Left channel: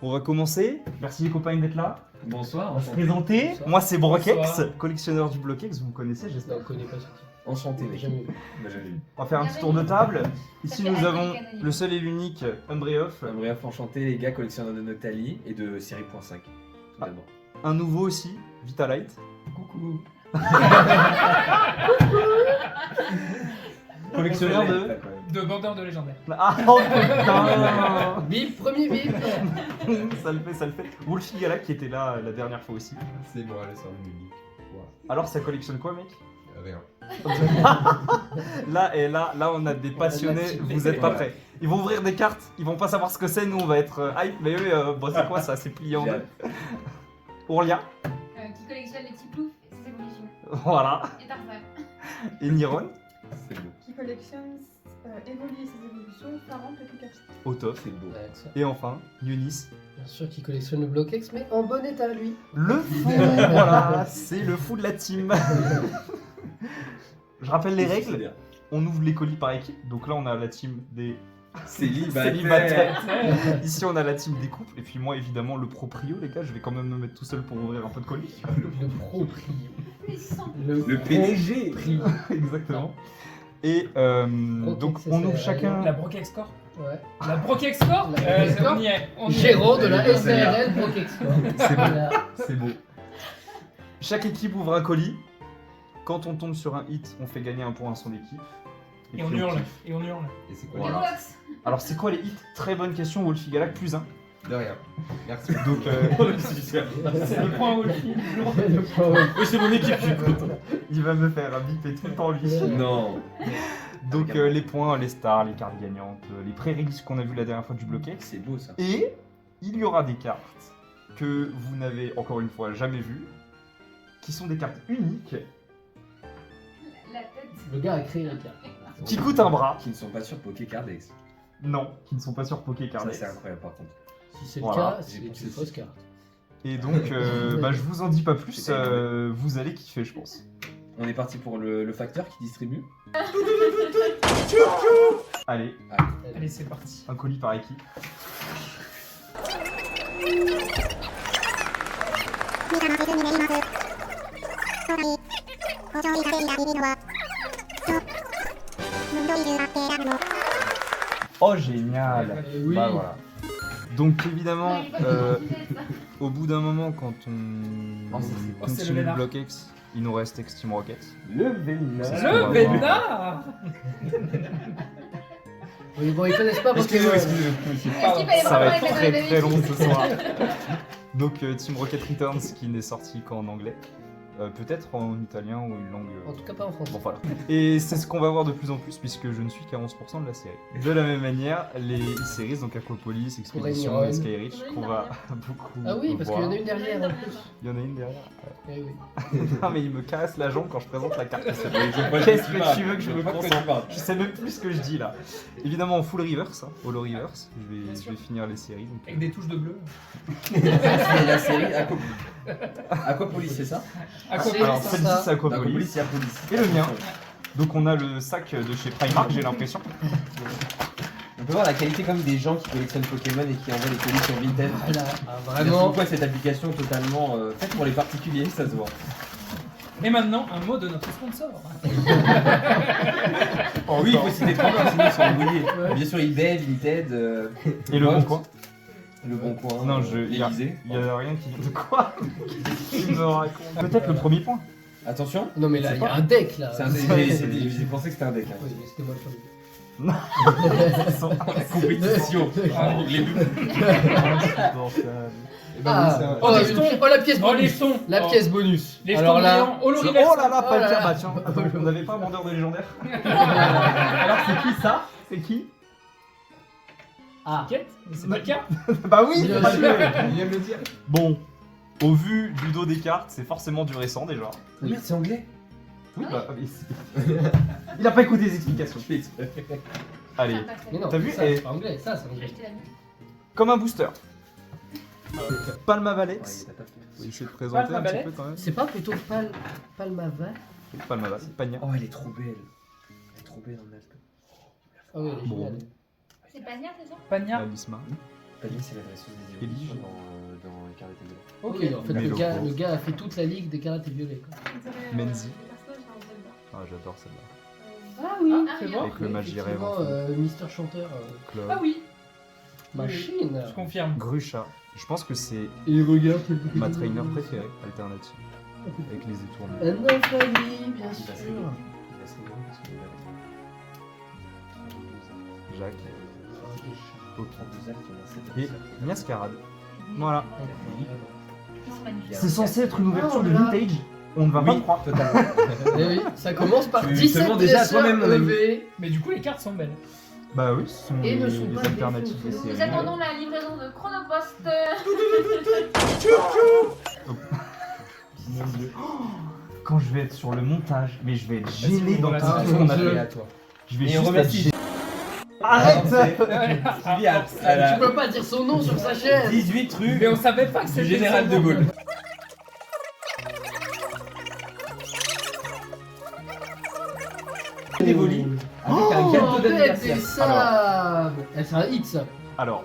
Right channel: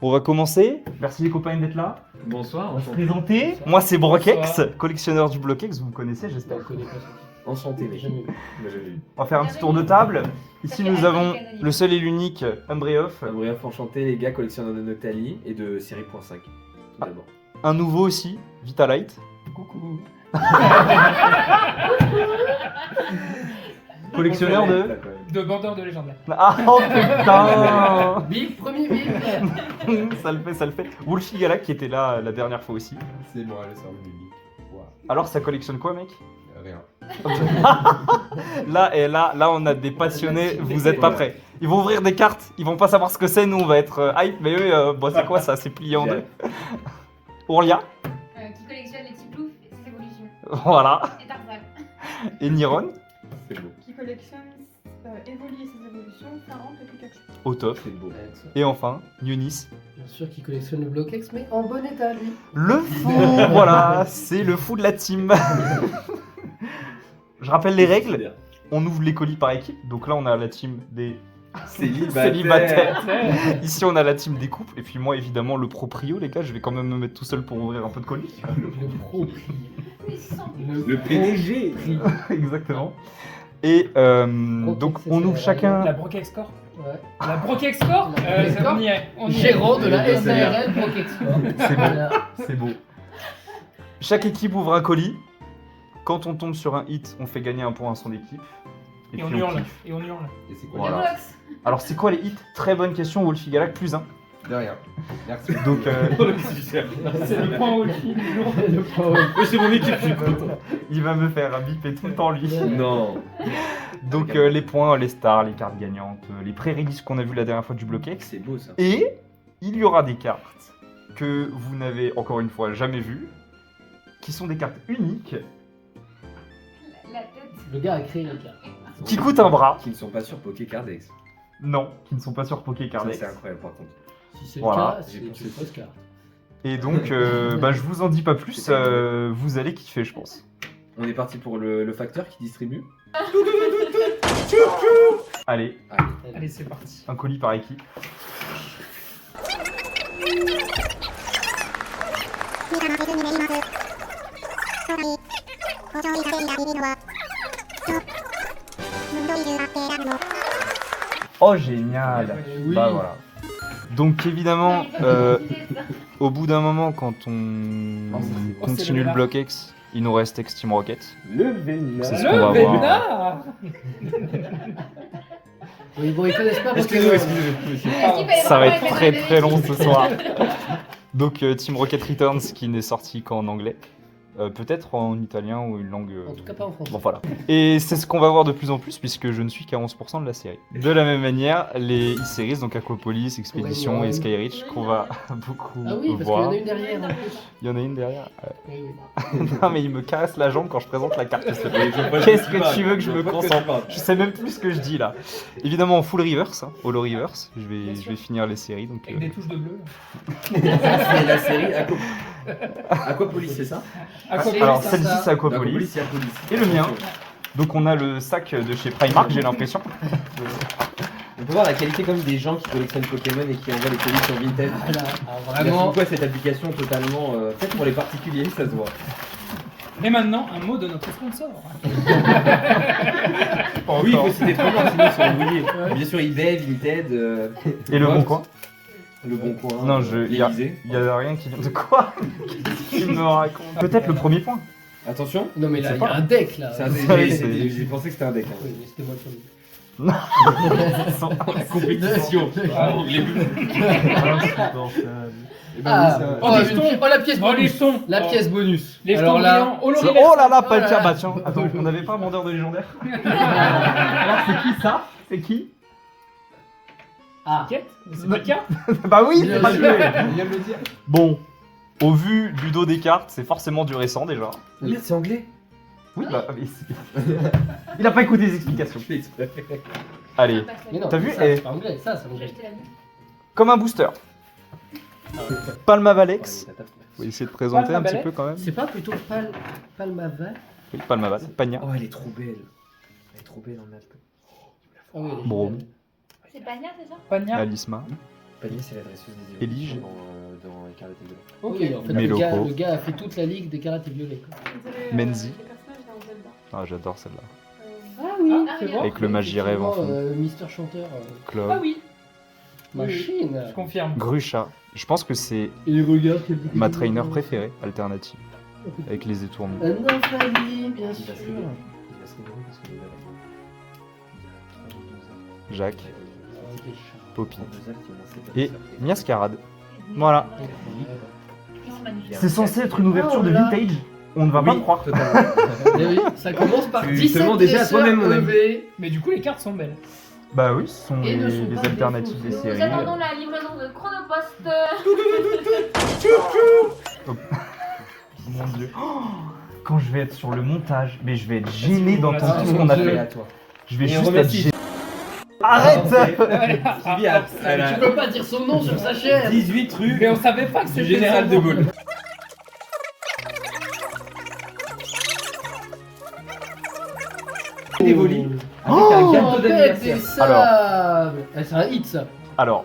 On va commencer. Merci les copains d'être là. Bonsoir, On va se enchanté. présenter. Bonsoir. Moi c'est Brokex, Bonsoir. collectionneur du Blokex, vous me connaissez j'espère. On connaît pas ça. Enchanté, mec. Jamais vu. Moi, j'avais vu. On va faire un petit tour de table. Ici fait nous Alpha avons Canary. le seul et l'unique Umbreoff. Bref, enchanté, les gars, collectionneurs de Noctali et de série .5. Tout d'abord. Un nouveau aussi, Vitalite. Coucou. Collectionneur de... De vendeur de légendaire. Ah oh putain. Bip, premier bip. Ça le fait, ça le fait. Wolfie Galak qui était là la dernière fois aussi. C'est moi, le service public. Alors ça collectionne quoi mec? Rien. Là on a des passionnés, vous êtes pas prêts. Ils vont ouvrir des cartes, ils vont pas savoir ce que c'est, nous on va être hype, mais eux, bon, c'est quoi ça? C'est plié en deux. Ourlia, Qui collectionne les petits ploufs et ses évolutions. voilà, Et Tarzan. et Niron, C'est beau. Qui collectionne Evoli et ses évolutions, Farante et Pikachu. au top. C'est beau. Et enfin, Yunis, Bien sûr qu'il collectionne le Blokex, mais en bon état lui. le fou, voilà, c'est le fou de la team. Je rappelle les règles, on ouvre les colis par équipe, donc là on a la team des célibataires. Ici on a la team des couples, et puis moi évidemment le proprio les gars, je vais quand même me mettre tout seul pour ouvrir un peu de colis. Le pro prix. Les sangs. Le PDG. Exactement. Et donc on ouvre chacun... La Brokex Corp. Ouais. La Brokex Corp La Brokex Corp. On y est. On y est. Gérant de la Ouais, SARL Blokex. C'est beau. Voilà. C'est beau. Chaque équipe ouvre un colis. Quand on tombe sur un hit, on fait gagner un point à son équipe. Et on puis hurle. kiffe. Et on hurle. Et c'est Les quoi Voilà. Roblox. Alors c'est quoi les hits? Très bonne question, Wolfie Galak, plus 1. De rien. Merci. Donc C'est le point Wolfie du jour. Le pro. Oui, c'est mon équipe, je suis content. il va me faire biper tout le temps lui. Non. Donc les points, les stars, les cartes gagnantes, les pré-releases qu'on a vu la dernière fois du Blokex. C'est beau ça. Et il y aura des cartes que vous n'avez encore une fois jamais vues, qui sont des cartes uniques, La tête. Le gars a créé la carte. qui coûtent un bras. Qui ne sont pas sur Pokécardex. Non, qui ne sont pas sur Ça, Pokécardex. c'est incroyable par contre. Si c'est Voilà. le cas, c'est une fausse carte. Et donc, je vous en dis pas plus, vous allez kiffer, je pense. On est parti pour le facteur qui distribue. Allez, Allez, c'est parti. un colis par équipe. Oh, génial! Oui. Bah voilà. Donc évidemment, au bout d'un moment, quand on c'est continue le le là. Blokex, il nous reste Extreme Rocket. Le Vénard. C'est ce qu'on va Le voir. Vénard. Oui, bon, ils connaissent pas parce que. Excusez-moi. Est-ce qu'il fallait Ça va vraiment être mettre très la très long vérité ce soir. Donc Team Rocket Returns qui n'est sorti qu'en anglais. Peut-être en italien ou une langue... En tout cas, pas en français. Bon voilà. Et c'est ce qu'on va voir de plus en plus puisque je ne suis qu'à 11% de la série. De la même manière, les e-series, donc Aquapolis, Expedition et Skyreach, qu'on va beaucoup Ah oui, parce qu'il y en voir. a une derrière en plus. Il y en a une derrière. Eh oui. Non mais il me caresse la jambe quand je présente la carte. Qu'est-ce Qu'est-ce que tu veux que je me concentre? Je sais même plus ce que je dis là. Évidemment en full reverse, hein, holo reverse. Je vais finir les séries. Donc, Avec des touches de bleu. C'est la série Aquapolis, c'est ça? Aquapolis. Alors c'est celle-ci ça. c'est Aquapolis. Aquapolis, c'est Aquapolis. Et le mien. Donc on a le sac de chez Primark, j'ai l'impression. On peut voir la qualité comme des gens qui collectionnent Pokémon et qui envoient les colis sur Vinted. Voilà. Ah, Vraiment vraiment. quoi cette application totalement faite pour les particuliers, ça se voit. Et maintenant, un mot de notre sponsor. Oui, il faut citer trois noms, sinon ils sont embrouillés. Bien sûr, eBay, Vinted. Et le bon Vox, coin. Le Bon Coin. Non, il y a l'Élysée. rien qui... De quoi? Qu'est-ce qu'il me raconte? Peut-être le premier point. Attention, Non, mais là, il y a un deck là. c'est un C'est- deck. c'est- J'ai pensé que c'était un deck. Hein. Oui, mais c'était moi le premier. Compétition. Ah, Je l'ai vu. Et ben Ah, oui, c'est un- oh, la pièce Oh, les bonus. jetons. La Oh. pièce bonus. Les Alors jetons là, brillants. Holo Oh reverse. là là, pas le Oh là tiens, là. bah tiens. Attends, on n'avait pas un vendeur de légendaire? Alors c'est qui ça? C'est qui? Ah, T'inquiète, c'est pas le cas. Bah oui, Bien c'est sûr. pas Il vient de le dire. Bon, au vu du dos des cartes, c'est forcément du récent déjà. Merde, c'est anglais. Oui, bah, il a pas écouté les explications. Allez, mais non, T'as vu, ça, eh. c'est pas anglais, ça, c'est anglais. comme un booster. Palmavalex. Allez, t'as tapé. Faut essayer de présenter un petit Palmavalex. peu quand même. C'est pas plutôt Palmaval? Oui, Palmavalex, Pagna. Oh, elle est trop belle. Elle est trop belle en alcool. Ah oui, elle est Bon. géniale. C'est pas bien, c'est ça? Pagna. Alisma. Pani, c'est la dresseuse des Elige. évolutions dans les Karaté Violet. Ok, en fait, Mais le locaux. gars a fait toute la ligue des karatés violets. Quoi. Menzi. Les personnages dans Zelda. Ah, j'adore celle-là. Ah oui, Ah, c'est oui, bon. Avec le Magie Rêve en fond. Mister Chanteur. Claude. Ah oui, Machine. je confirme. Grucha. Je pense que c'est Et regarde. ma trainer préférée, alternative, avec les étournements. Un Ophalie, bien Il sûr. va se révéler. Il va se révéler parce que Jacques, Poppy Deux actes, on a sept et actes. Miascarade. Voilà. Ils sont magnifiques. C'est censé être une ouverture de vintage. On ne va Oui, totalement. Eh oui, ça commence par Tu 17 te mens déjà à dresseurs toi-même, mon ami. EV. Mais du coup, les cartes sont belles. Bah oui, ce sont Et ne les, sont les pas alternatives des défaussés. Nous séries. attendons la livraison de Chronopost. Mon Dieu. Oh, quand je vais être sur le montage, mais je vais être Vas-y, gêné on dans la tout sort. ce qu'on a Mon Dieu. fait. à toi. Je vais Et on juste être remercie. gêné. Arrête Tu peux pas dire son nom sur sa chaîne. 18 rue Mais on savait pas que du c'était Général son de nom. Gaulle. Évoli avec un Oh, gâteau bête, d'anniversaire. c'est ça. Ah, c'est un hit ça. Alors,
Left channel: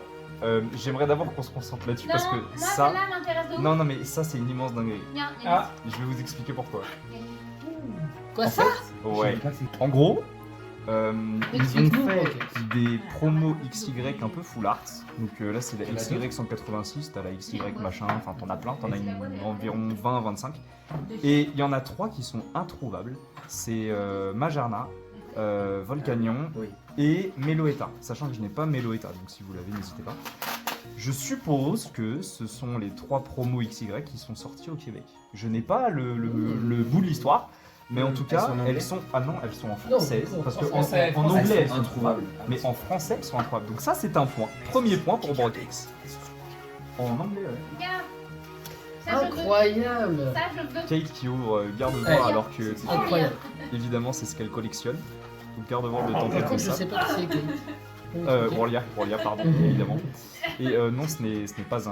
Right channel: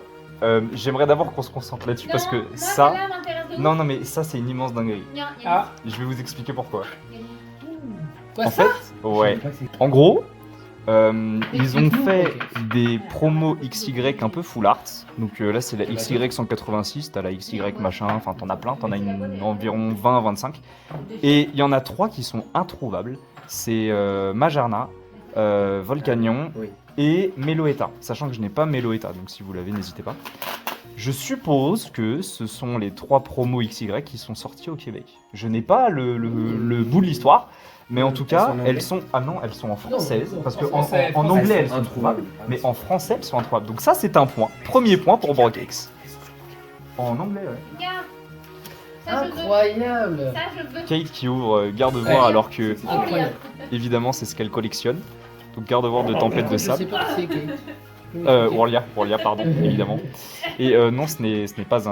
j'aimerais d'abord qu'on se concentre là-dessus parce que Moi, ça. celle-là m'intéresse de ouf. Non, non, mais ça, c'est une immense dinguerie. Ah, Je vais vous expliquer pourquoi. Quoi En ça fait, ouais. Je sais pas c'est- En gros, ils ont Explique-nous, fait ok. des promos XY un peu full art. Donc là, c'est la XY 186, t'as la XY machin, enfin t'en as plein, t'en as environ 20-25. Et il y en a 3 qui sont introuvables. C'est Majarna, Volcanion Oui. et Meloetta. Sachant que je n'ai pas Meloetta, donc si vous l'avez, n'hésitez pas. Je suppose que ce sont les 3 promos XY qui sont sortis au Québec. Je n'ai pas le bout de l'histoire, mais en tout Elles cas, sont en anglais elles sont. Ah non, elles sont en française. non, Parce en que français, en français, anglais, elles sont sont introuvables. trouvables, mais en français, elles sont introuvables. Donc ça, c'est un point. Premier point pour Brokex. En anglais, ouais. Regarde. Ça, je veux. Incroyable. Ça, je veux. Kate qui ouvre Garde-Voir Ouais. alors que, Incroyable. évidemment, c'est ce qu'elle collectionne. Donc Garde-Voir de Tempête de Je sais Sable. pas qui c'est qui. Orlia, pardon, évidemment. Et non, ce n'est pas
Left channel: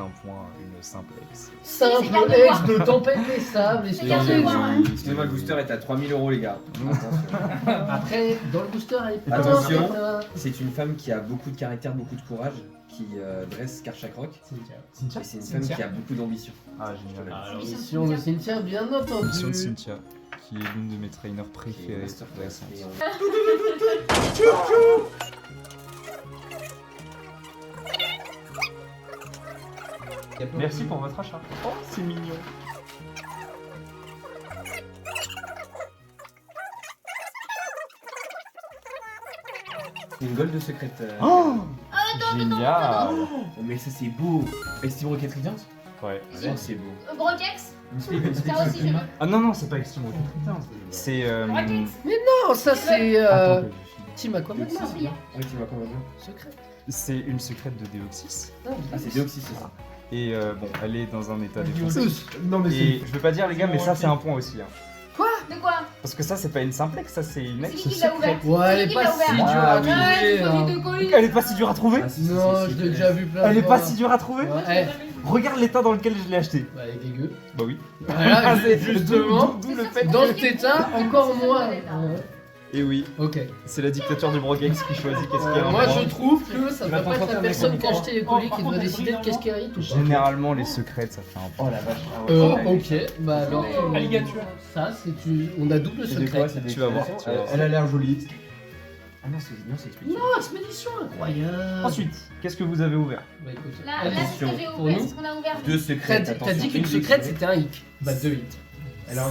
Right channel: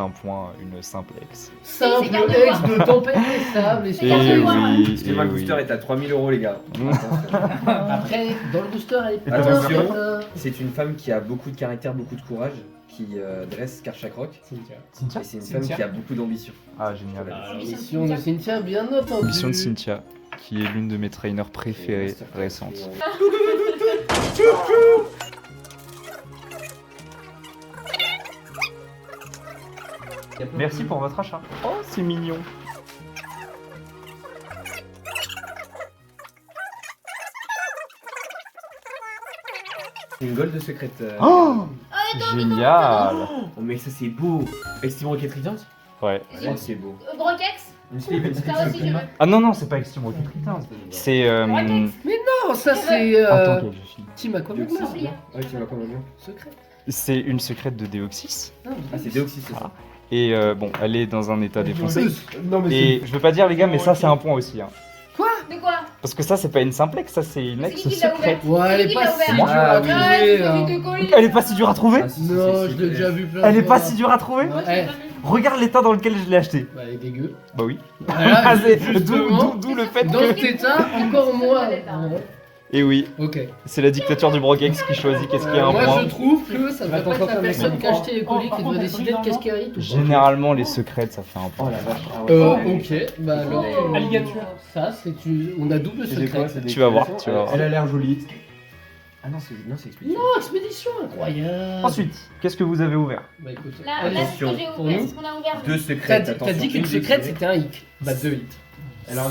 un point, une simple ex. Simple C'est Garde-Voir. ex de tempête et sable et C'est Et Garde-Voir. oui, Excusez-moi, le booster est à 3000 € les gars. Après, dans le booster, elle est Attention. plein. C'est une femme qui a beaucoup de caractère, beaucoup de courage, qui dresse Karchakrok. Cynthia. Et c'est une Cynthia. femme qui a beaucoup d'ambition. Ah, génial. Mission de Cynthia, bien entendu. Mission de Cynthia, qui est l'une de mes trainers préférées récentes. Merci pour votre achat. Oh, c'est mignon. C'est une gold secrétaire. Oh, Attends, génial. Oh, mais ça c'est beau. Estime Rocket Radiance. Ouais. Oh, c'est beau. Brokex. Ça aussi, je veux. Ah non, non, c'est pas Extreme Rocket. C'est. Brokex. Non, ça c'est Attends, quelle fille. Team Aquaman. Oublié. Ah, tu vois comment bien. Secret. C'est une secrète de Deoxys. Ah, c'est Deoxys, c'est ça. Et bon, elle est dans un état défoncé. Non, Et je veux pas dire, les gars, mais ça, c'est un point aussi. Hein. De quoi? Parce que ça, c'est pas une simplex, ça, c'est une C'est ex qui qui l'a secrète. ouvert? Ouais, elle est Qui pas l'a si ouvert? dure à Ah, oui. Ouais, trouver. c'est hein. du colis. Elle est pas si dure à trouver. Ah, si, Non, si, je si, l'ai si. déjà vu plein Elle de est fois. pas si dure à trouver. Ouais. Regarde l'état dans lequel je l'ai acheté. Bah, elle est dégueu. Bah oui. Voilà, C'est justement, d'où le fait dans que... cet état, encore moins. Ouais. Et oui, Ok. c'est la dictature du Brokex qui choisit qu'est-ce qu'il y a un Moi, point. je trouve que ça Va devrait pas être la t'entendre, personne mais qui a acheté les colis qui Par devrait contre, décider de qu'est-ce qui arrive. Généralement, les secrètes, ça fait un Oh point. la vache. Ah, ouais. Ok, bah alors. Alligator. Ça, c'est une. On a double secret. Tu vas voir, tu vas voir. Elle a l'air jolie. Ah non, c'est expédition. Non, expédition incroyable. Ensuite, qu'est-ce que vous avez ouvert? Bah écoute, Là, allez. là, c'est ce que j'ai Pour ouvert. nous. C'est ce qu'on a ouvert. Deux T'as secrètes. dit attention, qu'une secrète c'était un hic. Bah deux hits.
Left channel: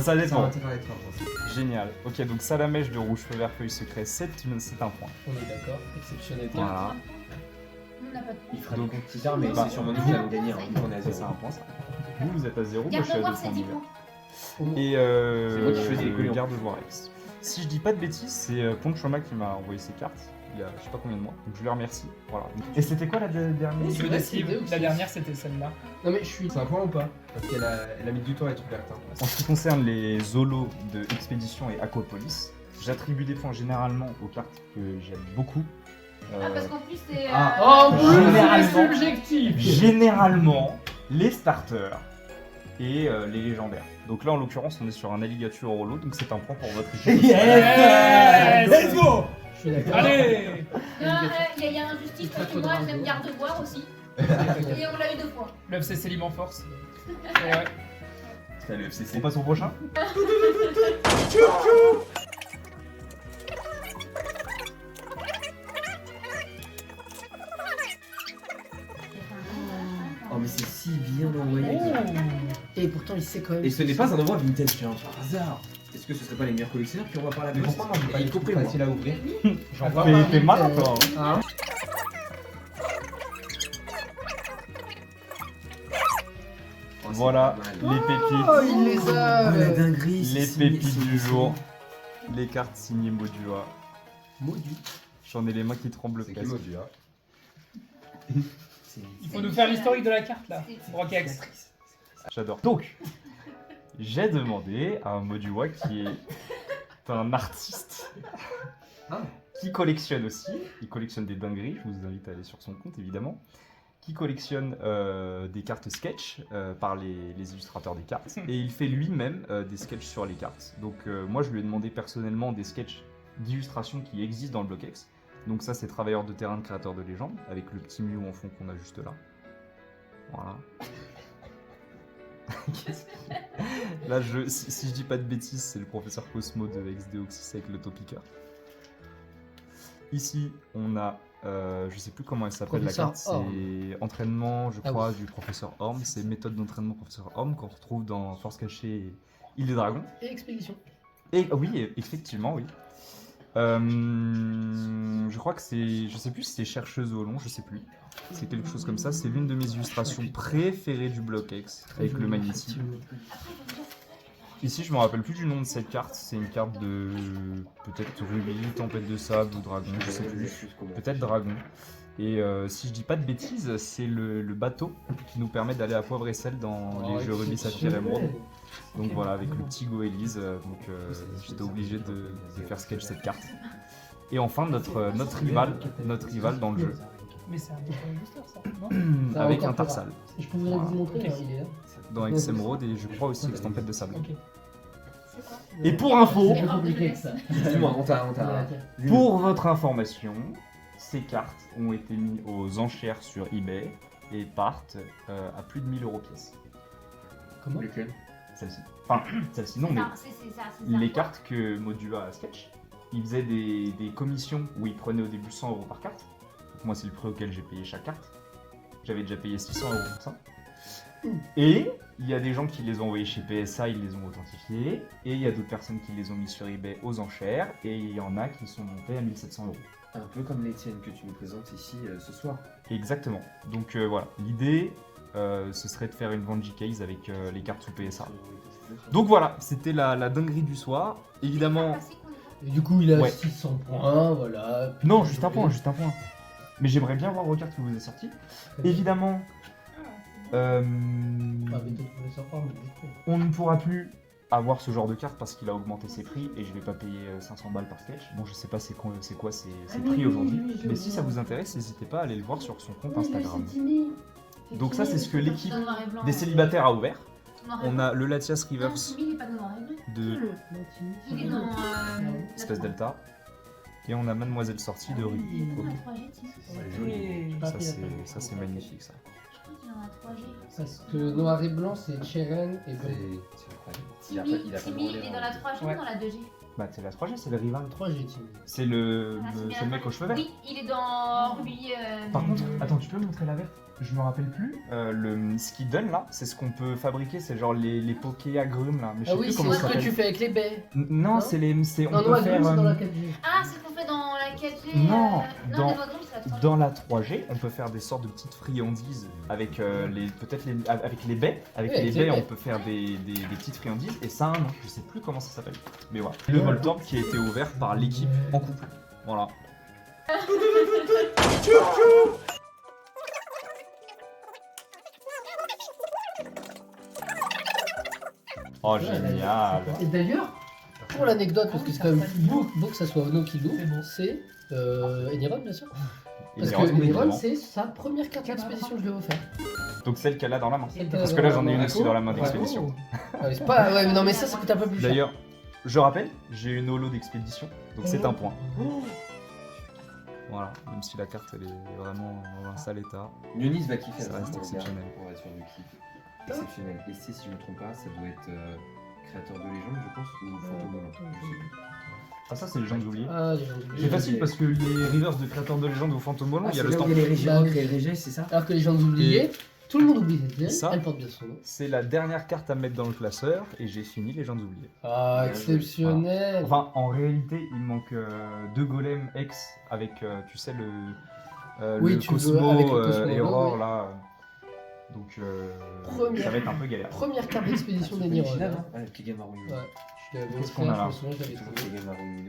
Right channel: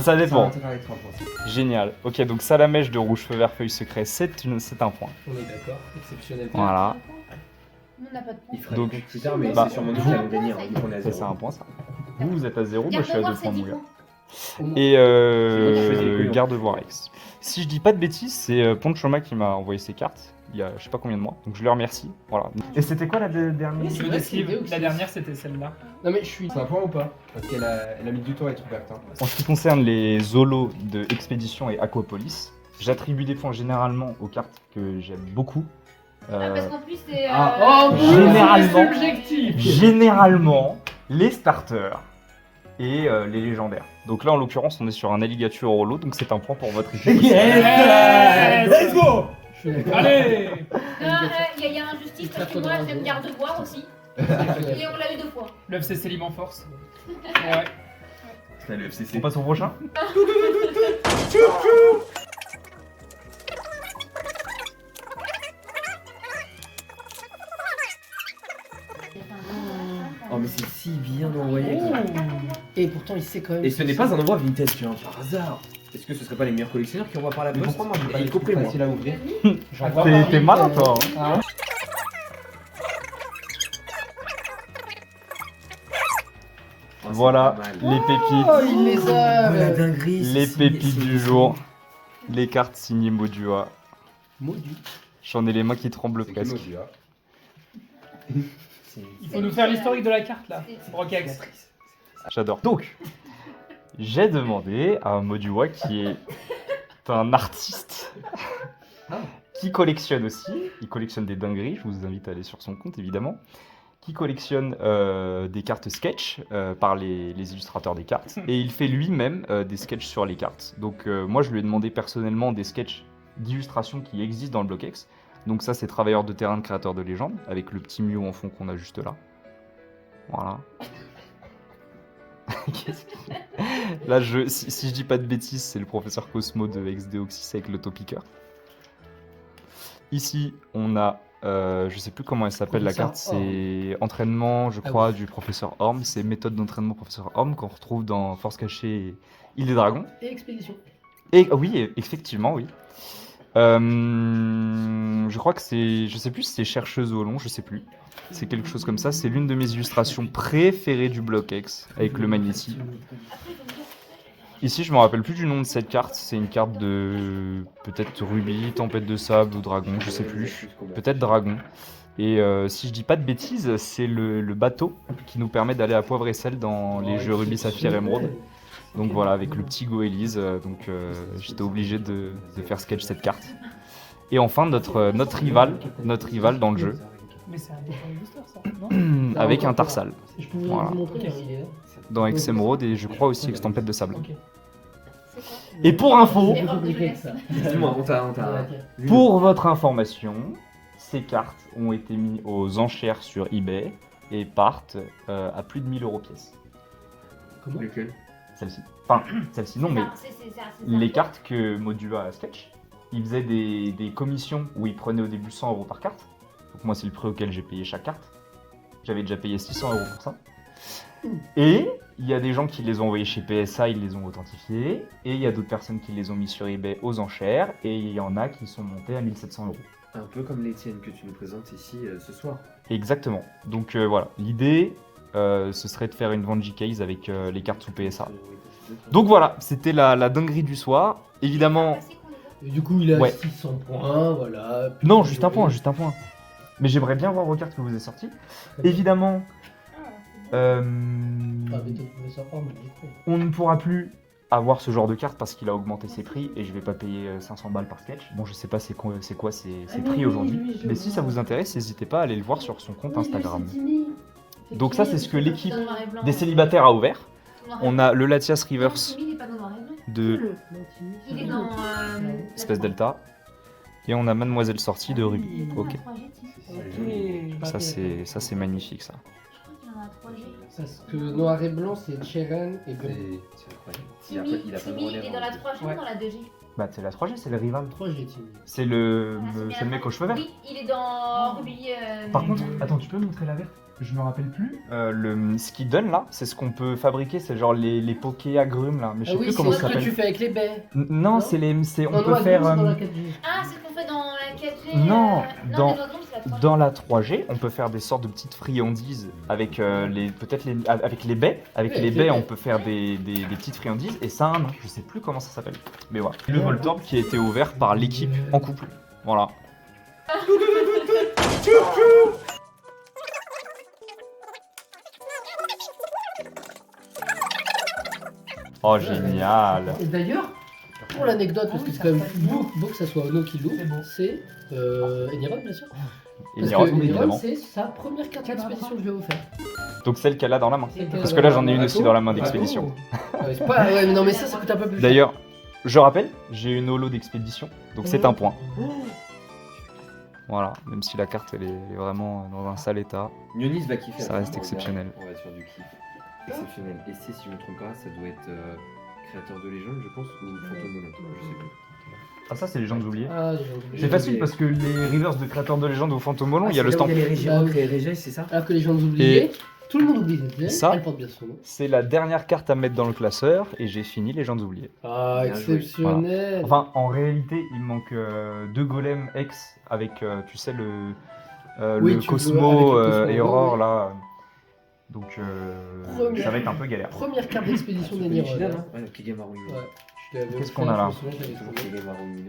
Ça dépend. intérêt à être un point. Génial. Ok, donc Salamèche de rouge, feu vert, feuille secret, c'est un point. On est d'accord, exceptionnel. Voilà, On n'a pas de Il fera Donc, des petits arts, mais bah, c'est sûrement nous qui allons gagner. Hein, vu qu'on est à c'est zéro. ça un point ça. Vous êtes à 0, moi je suis à 2 Garde-voir, c'est points. 10 mon gars. points. Et C'est moi qui choisis les couleurs. Garde-voir X. Si je dis pas de bêtises, c'est Ponchoma qui m'a envoyé ses cartes il y a je sais pas combien de mois, donc je le remercie. Voilà. Et c'était quoi la dernière? C'est Je vrai, décide. c'est Deoxys. La dernière, c'était celle-là. Non mais je suis. C'est un point ou pas Parce qu'elle a mis du temps à être ouverte. Hein. En ce qui concerne les zolos de Expédition et Aquapolis, j'attribue des points généralement aux cartes que j'aime beaucoup. Ah, parce qu'en plus, c'est. Oh, Généralement. c'est subjectif. Généralement, les starters et les légendaires. Donc là, en l'occurrence, on est sur un alligator au lot, donc c'est un point pour votre équipe. Let's go. Je suis d'accord. Allez. Il y a injustice parce que moi j'aime garde-voir aussi. Et on l'a eu 2 fois. Le FC Célim en force. Ouais. Putain, le On FCC. passe au prochain. Oh, mais c'est si bien envoyé. Oh. Et pourtant, il sait quand même. Et ce n'est pas un envoi vintage, tiens, par hasard. Est-ce que ce serait pas les meilleurs collectionneurs qui envoient par la Mais poste pourquoi moi j'ai pas Y les trucs compris moi. faciles à ouvrir? J'en vois T'es pas. t'es malin toi. Hein. Voilà, Pas mal. les Oh, pépites. il les a. Oh, la dinguerie, Les c'est signé- pépites c'est du signé. jour. Les cartes signées Modua. Maudit. J'en ai les mains qui tremblent C'est qui presque. Modua? Il faut nous faire l'historique de la carte là. Brocax. J'adore. Donc, j'ai demandé à Modua qui est un artiste qui collectionne aussi. Il collectionne des dingueries. Je vous invite à aller sur son compte évidemment. Qui collectionne des cartes sketch par les illustrateurs des cartes. Et il fait lui-même des sketchs sur les cartes. Donc moi je lui ai demandé personnellement des sketchs d'illustration qui existent dans le BlockX. Donc ça c'est Travailleurs de terrain de créateurs de légendes, avec le petit Mew en fond qu'on a juste là. Voilà. Qu'est-ce que- Là si je dis pas de bêtises, c'est le professeur Cosmo de XDeoxys avec l'autopiqueur. Ici on a je sais plus comment elle s'appelle la Professeur carte, c'est entraînement, je Ah crois, oui. du professeur Orm. C'est méthode d'entraînement professeur Orm qu'on retrouve dans Force cachée et Île des Dragons. Et expédition. Et oui, effectivement, oui. Je crois que c'est, je sais plus si c'est chercheuse au long, je sais plus. C'est quelque chose comme ça. C'est l'une de mes illustrations préférées du BlockX avec le magnéti. Ici, je me rappelle plus du nom de cette carte. C'est une carte de peut-être Rubis, Tempête de Sable ou Dragon, je sais plus. Peut-être Dragon. Et si je dis pas de bêtises, c'est le bateau qui nous permet d'aller à Poivre et Sel dans les jeux Rubis, Saphir, Émeraude. Donc voilà, avec le petit Goélise, j'étais obligé de faire sketch cette carte. Et enfin notre rival dans le jeu, Mais c'est un dessin booster ça, non? avec un Tarsal, Je peux Voilà. vous montrer, Ok. hein, il est là. dans Ex Émeraude et je crois aussi Tempête de Sable. Ok. C'est quoi Et pour info, C'est compliqué que ça. Dis-moi, on t'a. pour votre information, ces cartes ont été mises aux enchères sur eBay et partent à plus de 1000 € pièce. Comment? Lequel? Celle-ci. Enfin, celle-ci non, mais C'est ça. les cartes que Modua a sketch, il faisait des commissions où il prenait au début 100 € par carte. Donc moi, c'est le prix auquel j'ai payé chaque carte. J'avais déjà payé 600 € pour ça. Et il y a des gens qui les ont envoyés chez PSA, ils les ont authentifiés. Et il y a d'autres personnes qui les ont mis sur eBay aux enchères. Et il y en a qui sont montés à 1700 €. Un peu comme les tiennes que tu nous présentes ici ce soir. Exactement. Donc voilà, l'idée, ce serait de faire une vente J-Case avec les cartes sous PSA. Donc voilà, c'était la dinguerie du soir. Évidemment... Et du coup, il a Ouais. 600 points, voilà. Non, juste un point, juste un point. Mais j'aimerais bien voir vos cartes que vous avez sorties. Évidemment, Ah, mais t'es professeur Orm, du coup. on ne pourra plus avoir ce genre de carte parce qu'il a augmenté ses prix et je vais pas payer 500 balles par sketch. Bon, je sais pas c'est quoi ses prix aujourd'hui. Mais si ça vous intéresse, n'hésitez pas à aller le voir sur son compte Instagram. Donc ça, c'est ce que l'équipe des célibataires a ouvert. On a le Latias Rivers Il est pas dans noir et blanc. de Il est dans. Espèce Delta. Et on a Mademoiselle Sortie de Ruby. Ok. Ça c'est magnifique ça. Parce que noir et blanc, c'est Cheren et blanc. C'est incroyable. Il a pas de Timmy, il relais est dans la 3G ou Ouais. dans la 2G? Bah c'est la 3G, c'est le rival. 3 G Timmy. C'est le mec aux cheveux verts. Oui, il est dans Ruby. Par contre, attends, tu peux me montrer la verte? Je me rappelle plus. Ce qui donne là, c'est ce qu'on peut fabriquer, c'est genre les pokés agrumes là. Mais je Ah sais oui, plus c'est comment ça ce que tu s'appelle. fais avec les baies. Non, Non c'est les. On Non, peut noir et faire. blanc, c'est dans la 4G. Ah, c'est qu'on fait dans la 4G. Non, non, dans- les autres, c'est la 3G. Dans la 3G, on peut faire des sortes de petites friandises avec avec les baies. Avec Ouais, les avec baies, les on baies. peut faire des petites friandises et ça a un nom. Je sais plus comment ça s'appelle. Mais voilà. Le Voltorb qui a été ouvert par l'équipe en couple. Voilà. Oh génial. Et d'ailleurs, pour l'anecdote, parce que c'est quand même beau que ça soit Ono qui l'ouvre, c'est Eniron, bien sûr. Et Parce Niron, que Eniron, évidemment. c'est sa première carte d'expédition que je lui ai offert. Donc celle qu'elle a dans la main. Celle Parce qu'elle que a là j'en ai une dans aussi la dans la main main. d'expédition. Ah, mais c'est pas... Ouais, mais non, mais ça coûte un peu plus cher. D'ailleurs, je rappelle, j'ai une holo d'expédition, donc c'est un point. Voilà, même si la carte elle est vraiment dans un sale état. Nionis va kiffer. Ça reste exceptionnel. On va être sur du kiff. Exceptionnel. Et c'est, si je me trompe pas, ça doit être créateur de légende, je pense, ou fantôme. Je sais plus. Ah ça c'est Légendes oubliées. Ah, j'ai oublié. C'est facile parce que les reverse de créateurs de légende ou fantôme volant, il y a le stamp. Les Bah oui. Régis, c'est ça? Alors que les gens oubliés, tout le monde oublie cette pièce, Ça elle porte bien son nom. C'est la dernière carte à mettre dans le classeur et j'ai fini Légendes oubliées. Ah, Bien joué. exceptionnel. Enfin, en réalité, il me manque 2 golems X avec, tu sais, Oui, le tu veux, Cosmo, avec le Cosmo, et Aurore oui. là. Donc, Première. ça va être un peu galère. Première carte d'expédition des Niro. Ouais, le petit game à rouler. Qu'est-ce qu'on a là?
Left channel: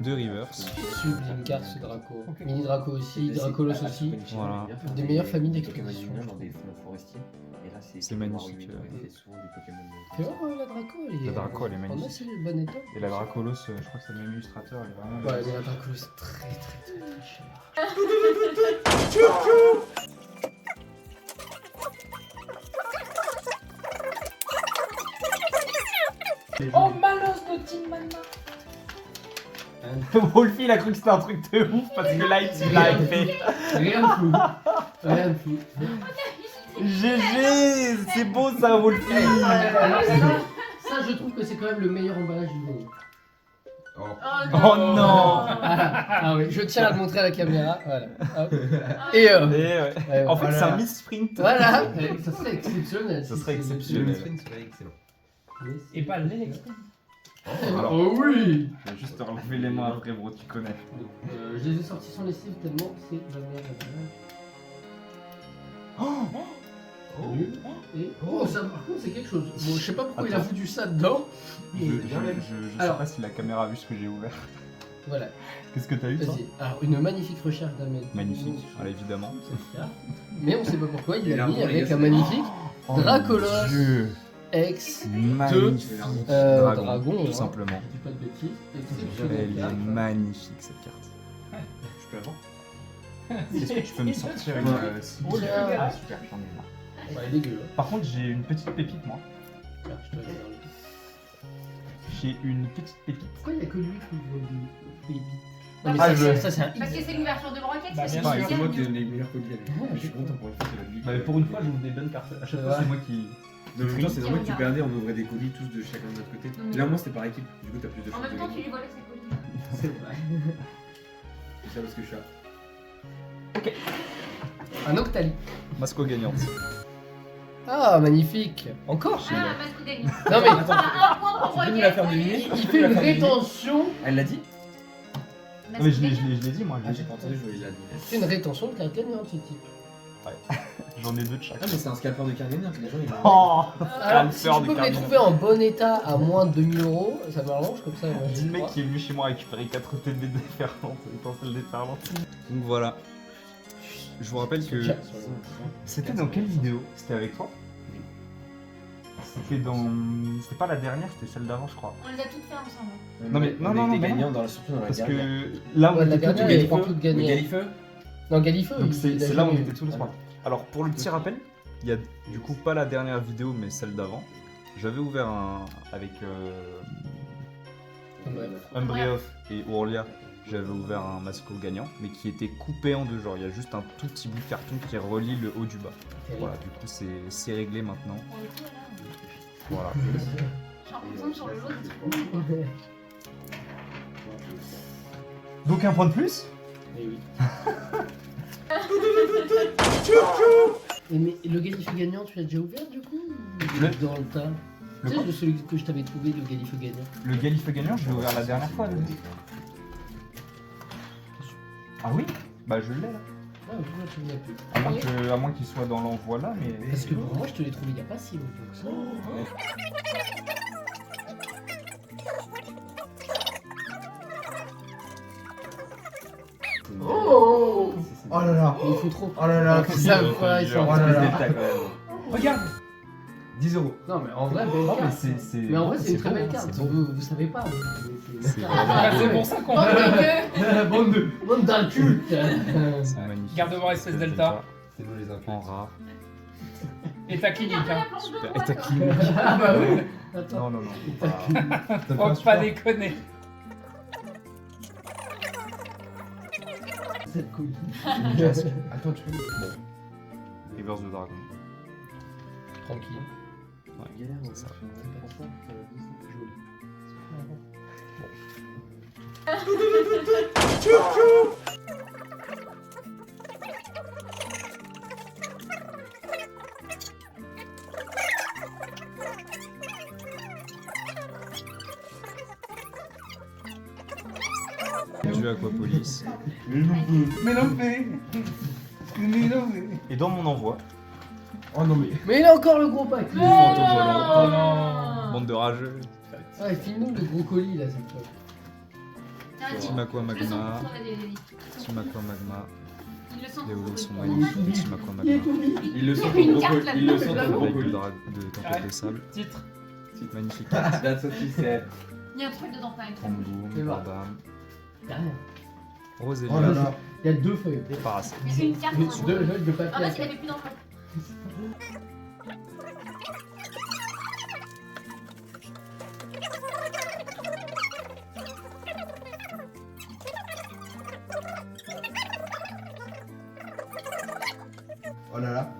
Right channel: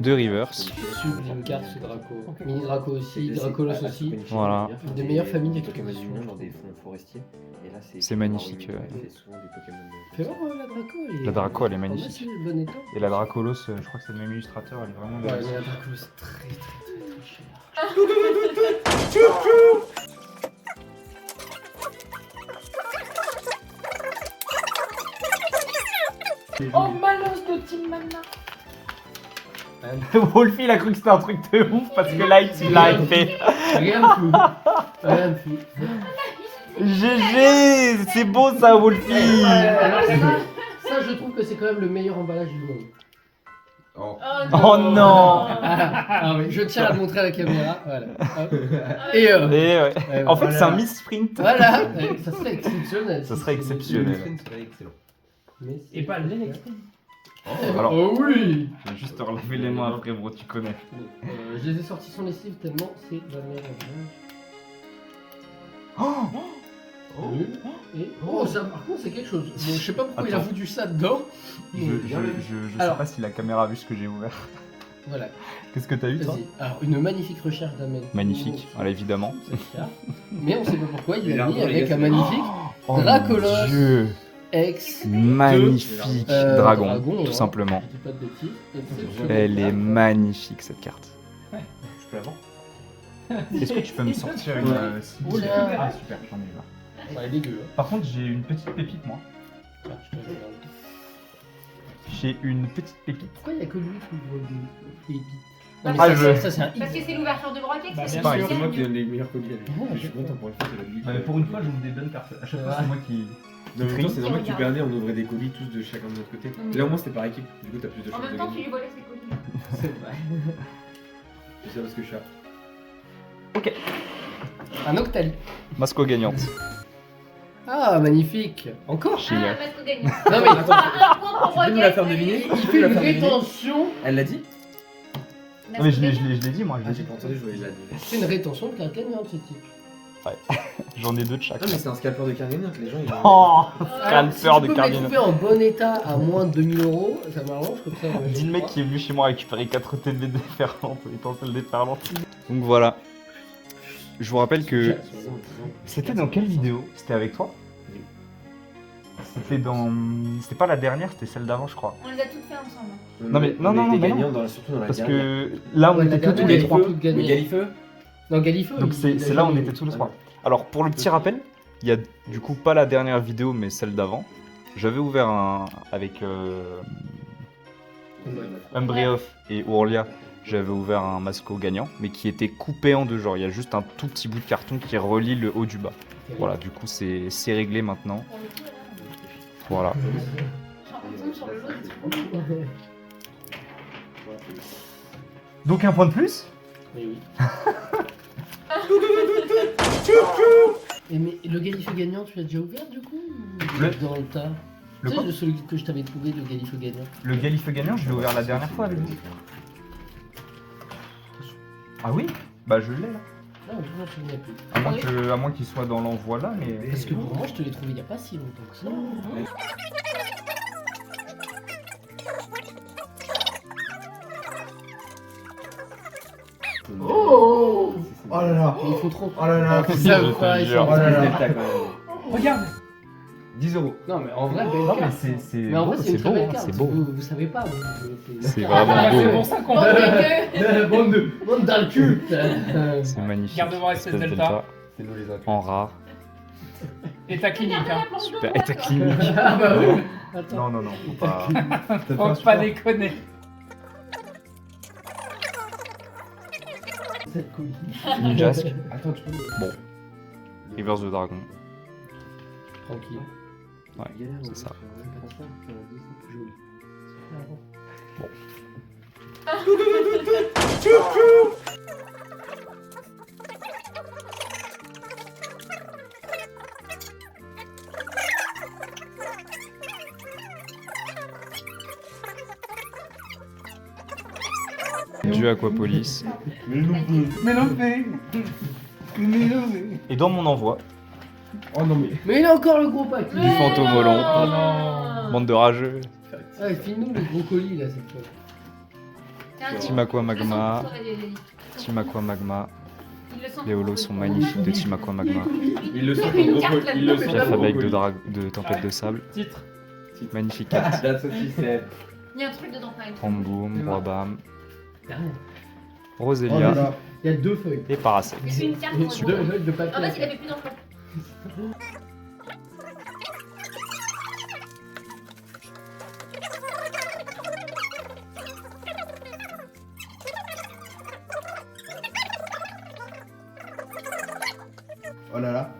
Deux reverse. Sublime carte, c'est Draco. Mini Draco aussi, C'est Dracolos aussi. Voilà. Une des meilleures familles des Pokémon d'expédition. humains dans des fonds forestiers. Et là, C'est magnifique, C'est souvent des Pokémon. Fais voir la Draco. La Draco, elle est en magnifique. assez bon état. Et la Dracolos, je crois que c'est le même illustrateur, elle est vraiment Ouais, belle. mais la Draco, c'est très cher. Oh, Malos de Team Mana. Wolfie, il a cru que c'était un truc de ouf parce que là, il l'a fait. Rien de fou. Rien de fou. GG, c'est beau ça, Wolfie. Alors, ça, je trouve que c'est quand même le meilleur emballage du monde. Oh non. Ah oui, je tiens à le montrer à la caméra. Voilà. Hop. Et Et, ouais. En fait, voilà. c'est un misprint. Voilà, ça serait exceptionnel. Ça si serait c'est- exceptionnel. serait excellent. Mais c'est- Et pas l'électrique. Alors, Oh oui. je vais juste te relever les mains après, bro, tu connais. Je les ai sortis sans lessive tellement c'est la meilleure. Et oh, ça par contre c'est quelque chose. Bon, je sais pas pourquoi il a Attends. foutu ça dedans. Je mais- sais Alors. pas si la caméra a vu ce que j'ai ouvert. Voilà. Qu'est-ce que t'as eu, toi? Vas-y. Alors une magnifique recherche d'Amel. Magnifique, voilà, évidemment. Mais on sait pas pourquoi il Il l'a a mis un avec peu un magnifique Oh Dracolos. mon Dieu. ex. Magnifique Dragon, dragon, ouais. tout simplement. Je dis pas de bêtises. Elle est magnifique cette carte. Je peux l'avoir? Est-ce que tu peux me sortir une Oh, cible? là. Ah super, j'en ai là. Ouais, elle est dégueu. Par contre, j'ai une petite pépite, moi. Ah, je te regarde. J'ai une petite pépite. Pourquoi il y a que lui qui voit des pépites? Non, mais Ah, ça, je- ça, c'est un Parce que c'est l'ouverture de braquet, Bah, c'est bien pas sûr. C'est moi qui spécial. donne les meilleurs colis. Ouais, Je suis content pour une fois, c'est la vie. Bah, pour une fois, j'ouvre des bonnes cartes. À chaque fois, c'est moi qui. En même temps, c'est normal que tu Regarde. perdais, on ouvrait des colis tous de chacun de notre côté. Mm. Et là, au moins, c'était par équipe. Du coup, t'as plus de En chances de même temps, tu gagner. lui volais ses colis. C'est vrai. C'est ça parce que je suis là. Un Octali. Masco gagnante. Ah, magnifique. Encore Ah, Masco gagnant. Non, mais Un point pour Tu peux nous la faire braquet. deviner il fait une rétention. Elle l'a dit? Non, mais je l'ai dit, moi. Ah, j'ai pas entendu, je voulais la dire. C'est une rétention de carte gagnante, ce type. J'en ai deux de chaque. Ah, mais c'est un scalper de carte gagnante, les gens ils Oh Alors, si peur tu de peux me les Cardinal. trouver en bon état à moins de 2000 €, ça m'arrange comme ça. Dis le mec qui est venu chez moi récupérer 4 télés déferlantes, étincelles déferlantes. Donc voilà. Je vous rappelle que. C'était dans quelle vidéo? C'était avec toi? C'était dans. C'était pas la dernière, c'était celle d'avant, je crois. On les a toutes fait ensemble. Non, mais- non, non, on mais était non. gagnants surtout dans la Parce dernière. que là, on Ouais, la était tous dernière, les elle est trois. pas toutes gagnées. Oui, Galifeu? Non, Galifeu. Donc il c'est a là où on jamais était eu. tous les trois. Alors pour le petit rappel, il y a du coup pas la dernière vidéo mais celle d'avant. J'avais ouvert un avec Umbreoff et Ourlia. J'avais ouvert un Masco gagnant mais qui était coupé en deux. Genre il y a juste un tout petit bout de carton qui relie le haut du bas. Voilà, du coup c'est réglé maintenant. Pour le coup, là, Voilà. on tombe sur le lot. Donc un point de plus. Eh oui. Et mais le Galifeu gagnant, tu l'as déjà ouvert du coup ou Le- dans le tas. Le Tu quoi sais, celui que je t'avais trouvé, le Galifeu gagnant. Le Galifeu gagnant, je l'ai ouvert la dernière fois avec vous. Ah oui? Bah je l'ai là. Ah, je me souviens plus. À moins qu'il soit dans l'envoi là, mais. Parce que pour moi, je te l'ai trouvé il n'y a pas si longtemps que ça. Oh Oh là là. Mais ils font trop. Oh là là. Ils savent pas, ils sont- Oh là là. Regarde. 10 €. Non, mais en vrai, belle Non, mais carte. c'est. Mais en vrai, c'est une très beau, belle hein, carte. C'est beau. Vous savez pas. C'est Ah, vraiment c'est beau. pour ça qu'on Bande de deux. Bande de. Bande dans le cul. C'est magnifique. Garde-voir espèce Delta. C'est nous les En rare. Et ta clinique, hein. Super. Et ta clinique. Ah bah oui. Attends. Non, non, non. Faut pas- T'as fait un Faut pas support. déconner. cette colis. Une casque. Attends, tu peux Bon. Reverse de dragon. Tranquille. C'est ça. Joli. Du Aquapolis. Et dans mon envoi, Oh non mais. Mais il a encore le gros pack. du fantôme volant. Oh non. Bande de rageux. Ouais, file-nous le gros colis là cette fois. Tiens, Team Aqua le sens Magma. pour sauver les- Team Aqua Magma. Il le sent Les pour holos sauver sont le- magnifiques de Team Aqua Magma. Il le sent Une au carte gros là-dedans. Il le sent La au fabrique gros de tempête de sable. Titre. Magnifique carte. La Sophie, c'est. Il y a un truc dedans quand même. Ramboum, Babam, Derrière. Oh là Rosélia là. Il y a deux feuilles. et Paracet. Une carte Deux pour feuilles de En papier. fait, il avait plus d'enveloppe. Oh là là.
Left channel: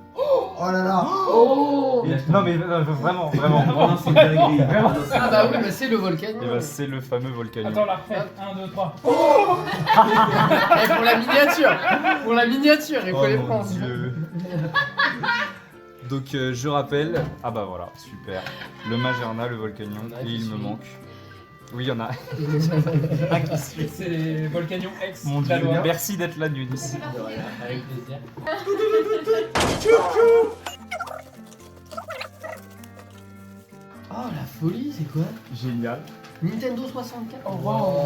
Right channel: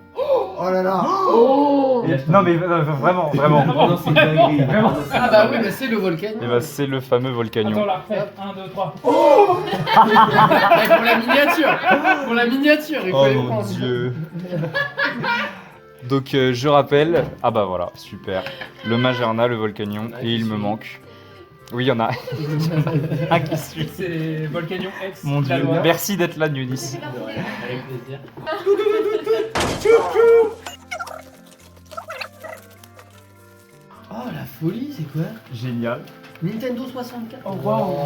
Oh là là. Oh Non mais vraiment, vraiment. Vraiment, c'est une dinguerie. Vraiment, c'est Ah bah oui, mais c'est le volcan. Et bah c'est le fameux Attends, Volcanion. la refait. 1, 2, 3. Eh, pour la miniature. Pour la miniature, il faut Oh les mon prendre. dieu. Donc je rappelle, ah bah voilà, super. Le Magerna, le Volcanion, et il me manque. Oui, il y en a un qui suit. C'est Volcanion X. Mon dieu, Dalois. merci d'être là, Nunis. C'est parti. Avec plaisir. Oh la folie, c'est quoi? Génial. Nintendo 64. Oh, wow.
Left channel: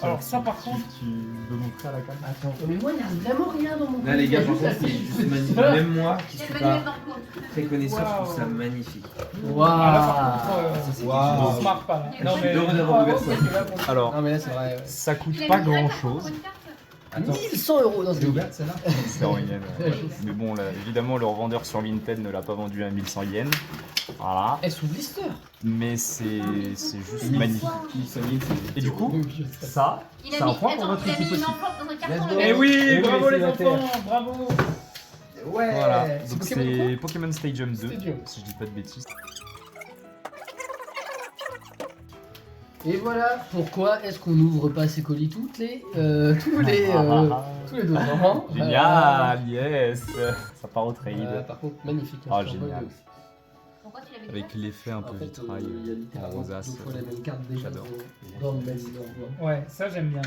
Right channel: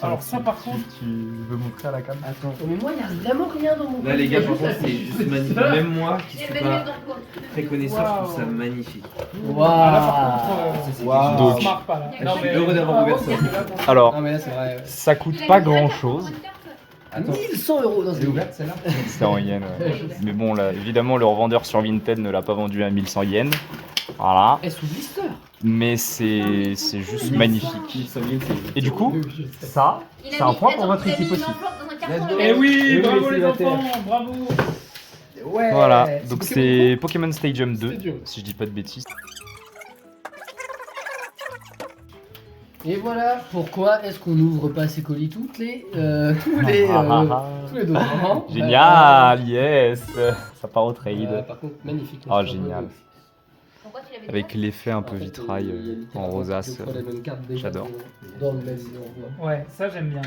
Alors ça par contre, Tu veux montrer à la cam? Attends, mais moi il y a vraiment rien dans mon Là, les gars, colis, franchement, il y a c'est juste juste magnifique. ça. Même moi, qui Il y a suis le manuel pas d'emploi. très connaisseur, je trouve ça Waouh. magnifique. ah, là par contre, Waouh. Ça, c'est Waouh. quelque on chose. se marre pas là. Non, mais heureux d'avoir ouvert ça. Alors, Non mais là c'est vrai. Ouais. ça coûte Il a pas mis la grand carte pour chose. une carte. Attends, 1100 € dans c'est cette ouverte celle-là? C'est en yens, ouais. Mais bon, là, évidemment, le revendeur sur Vinted ne l'a pas vendu à 1100 yens. Voilà. Elle sous blister. Mais c'est juste magnifique. Et du coup, ça, Il a c'est un mis- point pour attends, votre il a équipe mis une aussi. enveloppe dans un Let's carton. go. Eh oui, Eh oui, bravo les les célibataires. enfants, bravo. Ouais. Voilà, donc Pokémon c'est Pokémon Stadium 2, Stadium. si je dis pas de bêtises. Et voilà pourquoi est-ce qu'on n'ouvre pas ces colis tous les 2 ans. Génial, yes. Ça part au trade. Par contre, magnifique. Ah, génial. Pourquoi tu l'avais dit Avec l'effet un peu vitrail en rosace. J'adore. Dans le même endroit. Ouais, ça j'aime bien.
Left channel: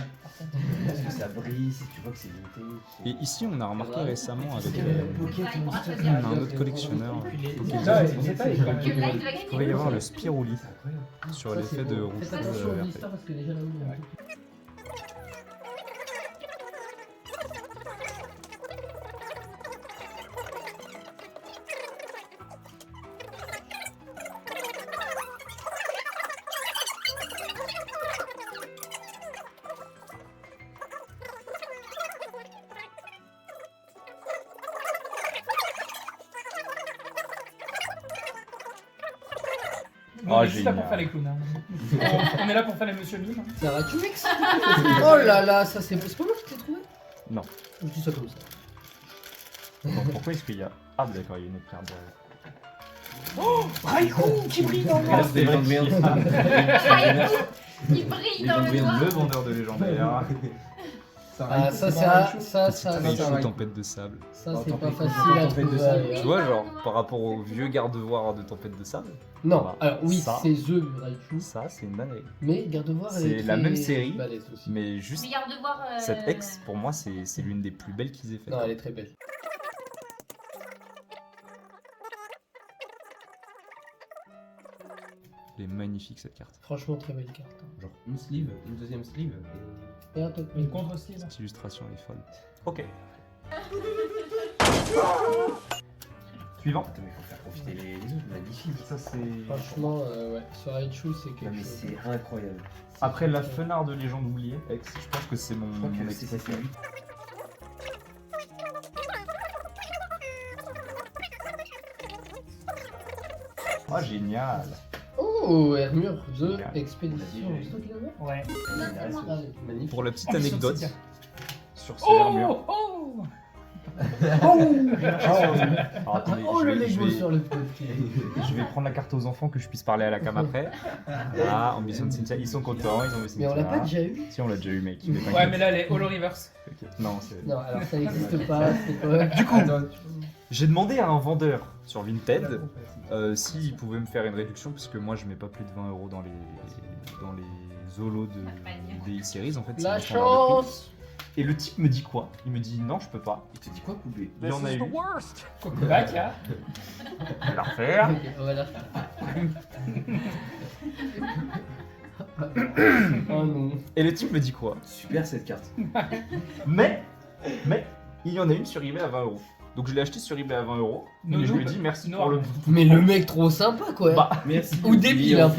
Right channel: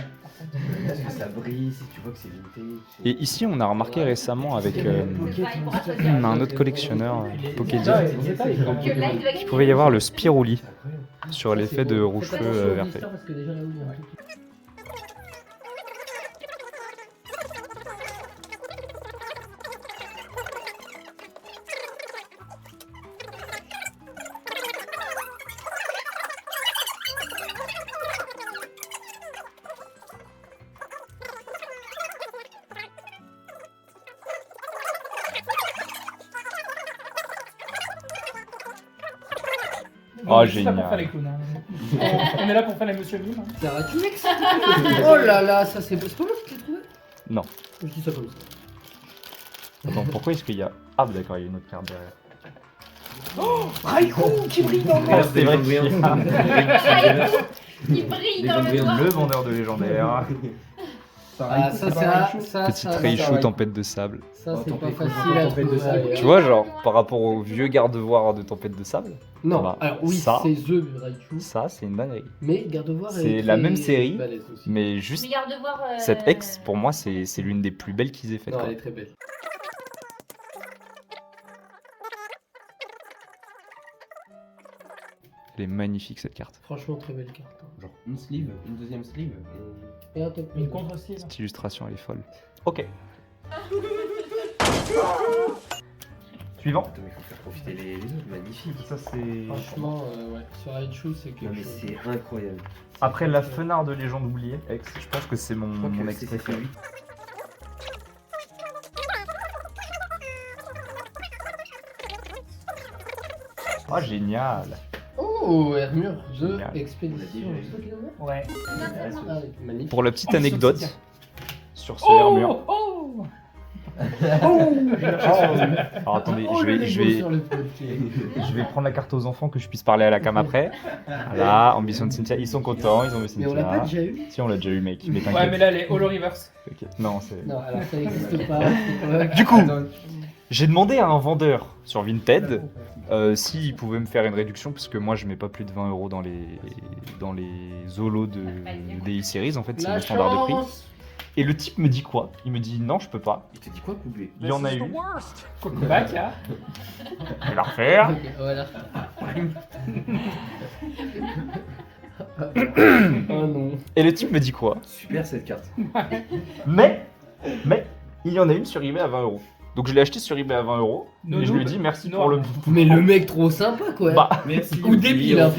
Parce que ça brille, si tu vois que c'est vintage. Et ici, on a remarqué récemment avec Bah, il pourra choisir. un autre collectionneur, Pokédex, Que là, il doit qu'il pouvait y avoir le Spiruli C'est incroyable. sur l'effet de rouge Faites feu attention au vert. blister parce que déjà là où il y a un truc. Bon, Oh, on est juste là pour génial. faire les clowns. Hein. On est là pour faire les Monsieur Mime. Ça va, tu Oh là là, ça c'est pas moi qui l'ai trouvé? Non. Je dis ça comme ça. Donc pourquoi est-ce qu'il y a... Ah d'accord, il y a une autre carte derrière. Raikou qui brille dans le Regarde, C'est vrai les qu'il y a- légendaires. Il brille dans le noir. Le vendeur de légendaire. Ah, ça c'est un. Ça, Petite ça, Raichu tempête de sable. ça c'est Oh, pas tempête facile à de trouver. sable. ailleurs. Tu vois, genre, par rapport au vieux garde-voir de tempête de sable, Non, Bah, alors oui, ça. c'est The Raichu, ça, c'est une dinguerie. mais Gardevoir C'est est la très même série, balèze aussi. Mais juste, Mais garde de voir. cette ex, pour moi, c'est l'une des plus belles qu'ils aient faites. Non, quoi. elle est très belle. Elle est magnifique, cette carte. Franchement, très belle carte. hein. Genre une sleeve, une deuxième sleeve. Et un top. Une contre-style. Cette illustration, elle est folle. Ok. Suivant. Attends, mais faut faire profiter les autres, magnifique. Ça, c'est... Franchement, ouais, ce Raichu, c'est Non, quelque mais chose. c'est incroyable. Après la fenard de légende oubliée, ex, je pense que c'est mon, Je crois mon que ex c'est préféré. lui. Ah, génial. Oh, Hermure, The Génial. Expedition. Ouais. Allez, magnifique. Pour la petite Oh, anecdote, sur sur ce armure. Oh Alors attendez, Oh, je le vais, Lego sur le pied. je vais prendre la carte aux enfants que je puisse parler à la cam après. Voilà, ambition de Cynthia, ils sont contents, ils ont vu Mais on l'a pas Cynthia. déjà eu. Si on l'a déjà eu mec, mais t'inquiète. Ouais, mais là, les Holo Reverse. Ok. Non, c'est... Non, alors ça n'existe pas. Du coup, j'ai demandé à un vendeur sur Vinted s'il pouvait me faire une réduction parce que moi je mets pas plus de 20 € dans les holos de des series en fait, c'est La le standard de prix. chance. Et le type me dit quoi? Il me dit non, je peux pas. Il te dit quoi, poubé? Il y en a eu. Cocobac, hein. Je vais la refaire. Ok, voilà. Oh non. Et le type me dit quoi? Super cette carte. Mais il y en a une sur eBay à 20 €. Donc je l'ai acheté sur eBay à 20 € et je lui ai dit merci pour le. Mais le mec trop sympa quoi. Bah, Merci. Ou débile, hein.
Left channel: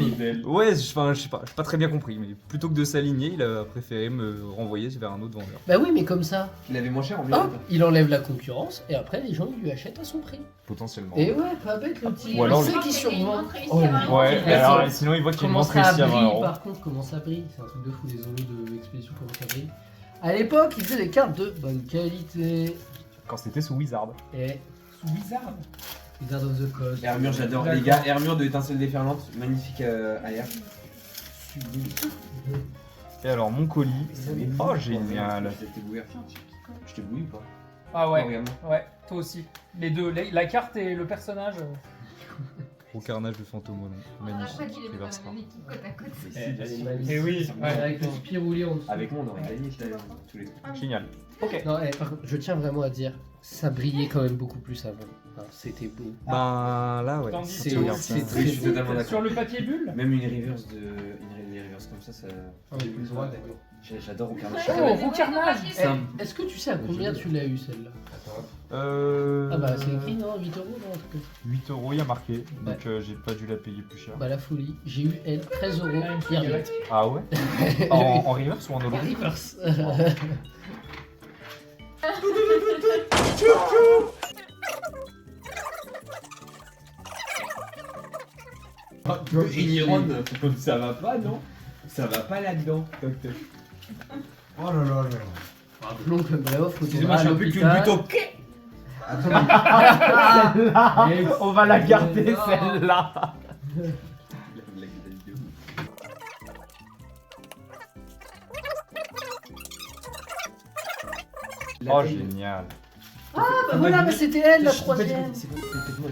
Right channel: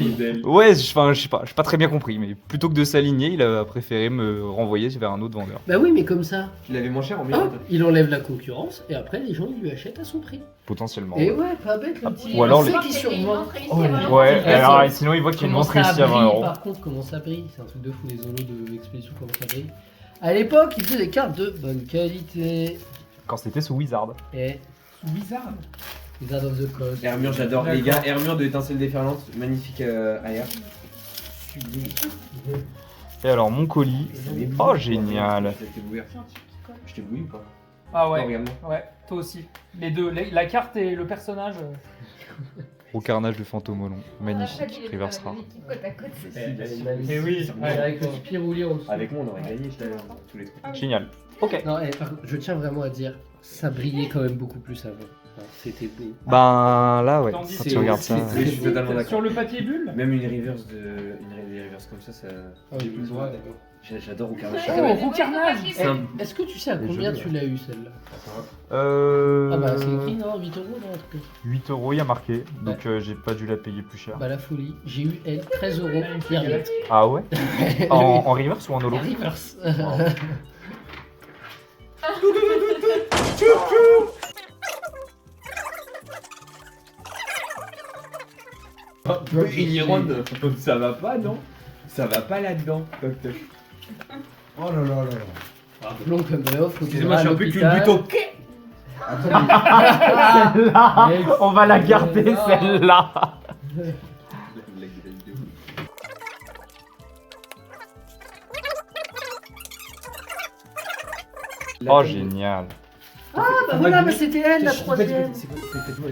ouais, enfin je sais pas, j'ai pas très bien compris, mais plutôt que de s'aligner, il a préféré me renvoyer vers un autre vendeur. Bah oui, mais comme ça, Tu l'avais moins cher en hop, miroir. il enlève la concurrence et après les gens ils lui achètent à son prix. Potentiellement. Et ouais, pas bête le petit. Ou alors on le- sait qu'il survend. Ouais, Ouais, alors c'est- sinon il voit qu'il Comment montre ça ici à 20 brille €. par contre, comment ça brille. C'est un truc de fou les zolos de l'expédition, comment ça brille. À l'époque, il faisait des cartes de bonne qualité. Quand c'était sous Wizard. Et Sous Wizard. Wizard of the Coast. Hermure, j'adore. Les gars, Hermure de étincelle déferlante, magnifique AR. Et alors mon colis. Oh génial. Je t'ai bouillé. Je t'ai bouillé ou pas? Ah Non, ouais, regarde-moi. ouais, toi aussi. Les deux, la carte et le personnage. Au carnage de Fantomolon. Magnifique. Reverse rare. Et oui, ouais. Avec le Spirouli en dessous. Avec moi, on aurait gagné, je t'avais tous les trucs. Génial. Non, par contre, je tiens vraiment à dire, ça brillait quand même beaucoup plus avant. Enfin, c'était beau. Ben là ouais, Tandis quand que tu regardes ça. c'est- Oui, je suis totalement d'accord. Sur le papier bulle. Même une reverse comme ça, ça. Ah oui, plus droit, d'accord. J'adore au carnage. Oh, Roucarnage. Eh, est-ce que tu sais à combien tu l'as eu celle-là? Ah bah c'est écrit non, 8 € non, un truc comme ça. 8 € il y a marqué, donc j'ai pas dû la payer plus cher. Bah la folie, j'ai eu elle 13 € hier. Ah ouais? En reverse ou en holo? Reverse. Ça va pas, non? Ça va pas là-dedans. Oh là là là là. Rappelons que bref, faut Excusez-moi, je suis un peu qu'une buto. Attends, On va la garder Ah. celle-là. Oh génial. Ah bah voilà, bah c'était elle la troisième.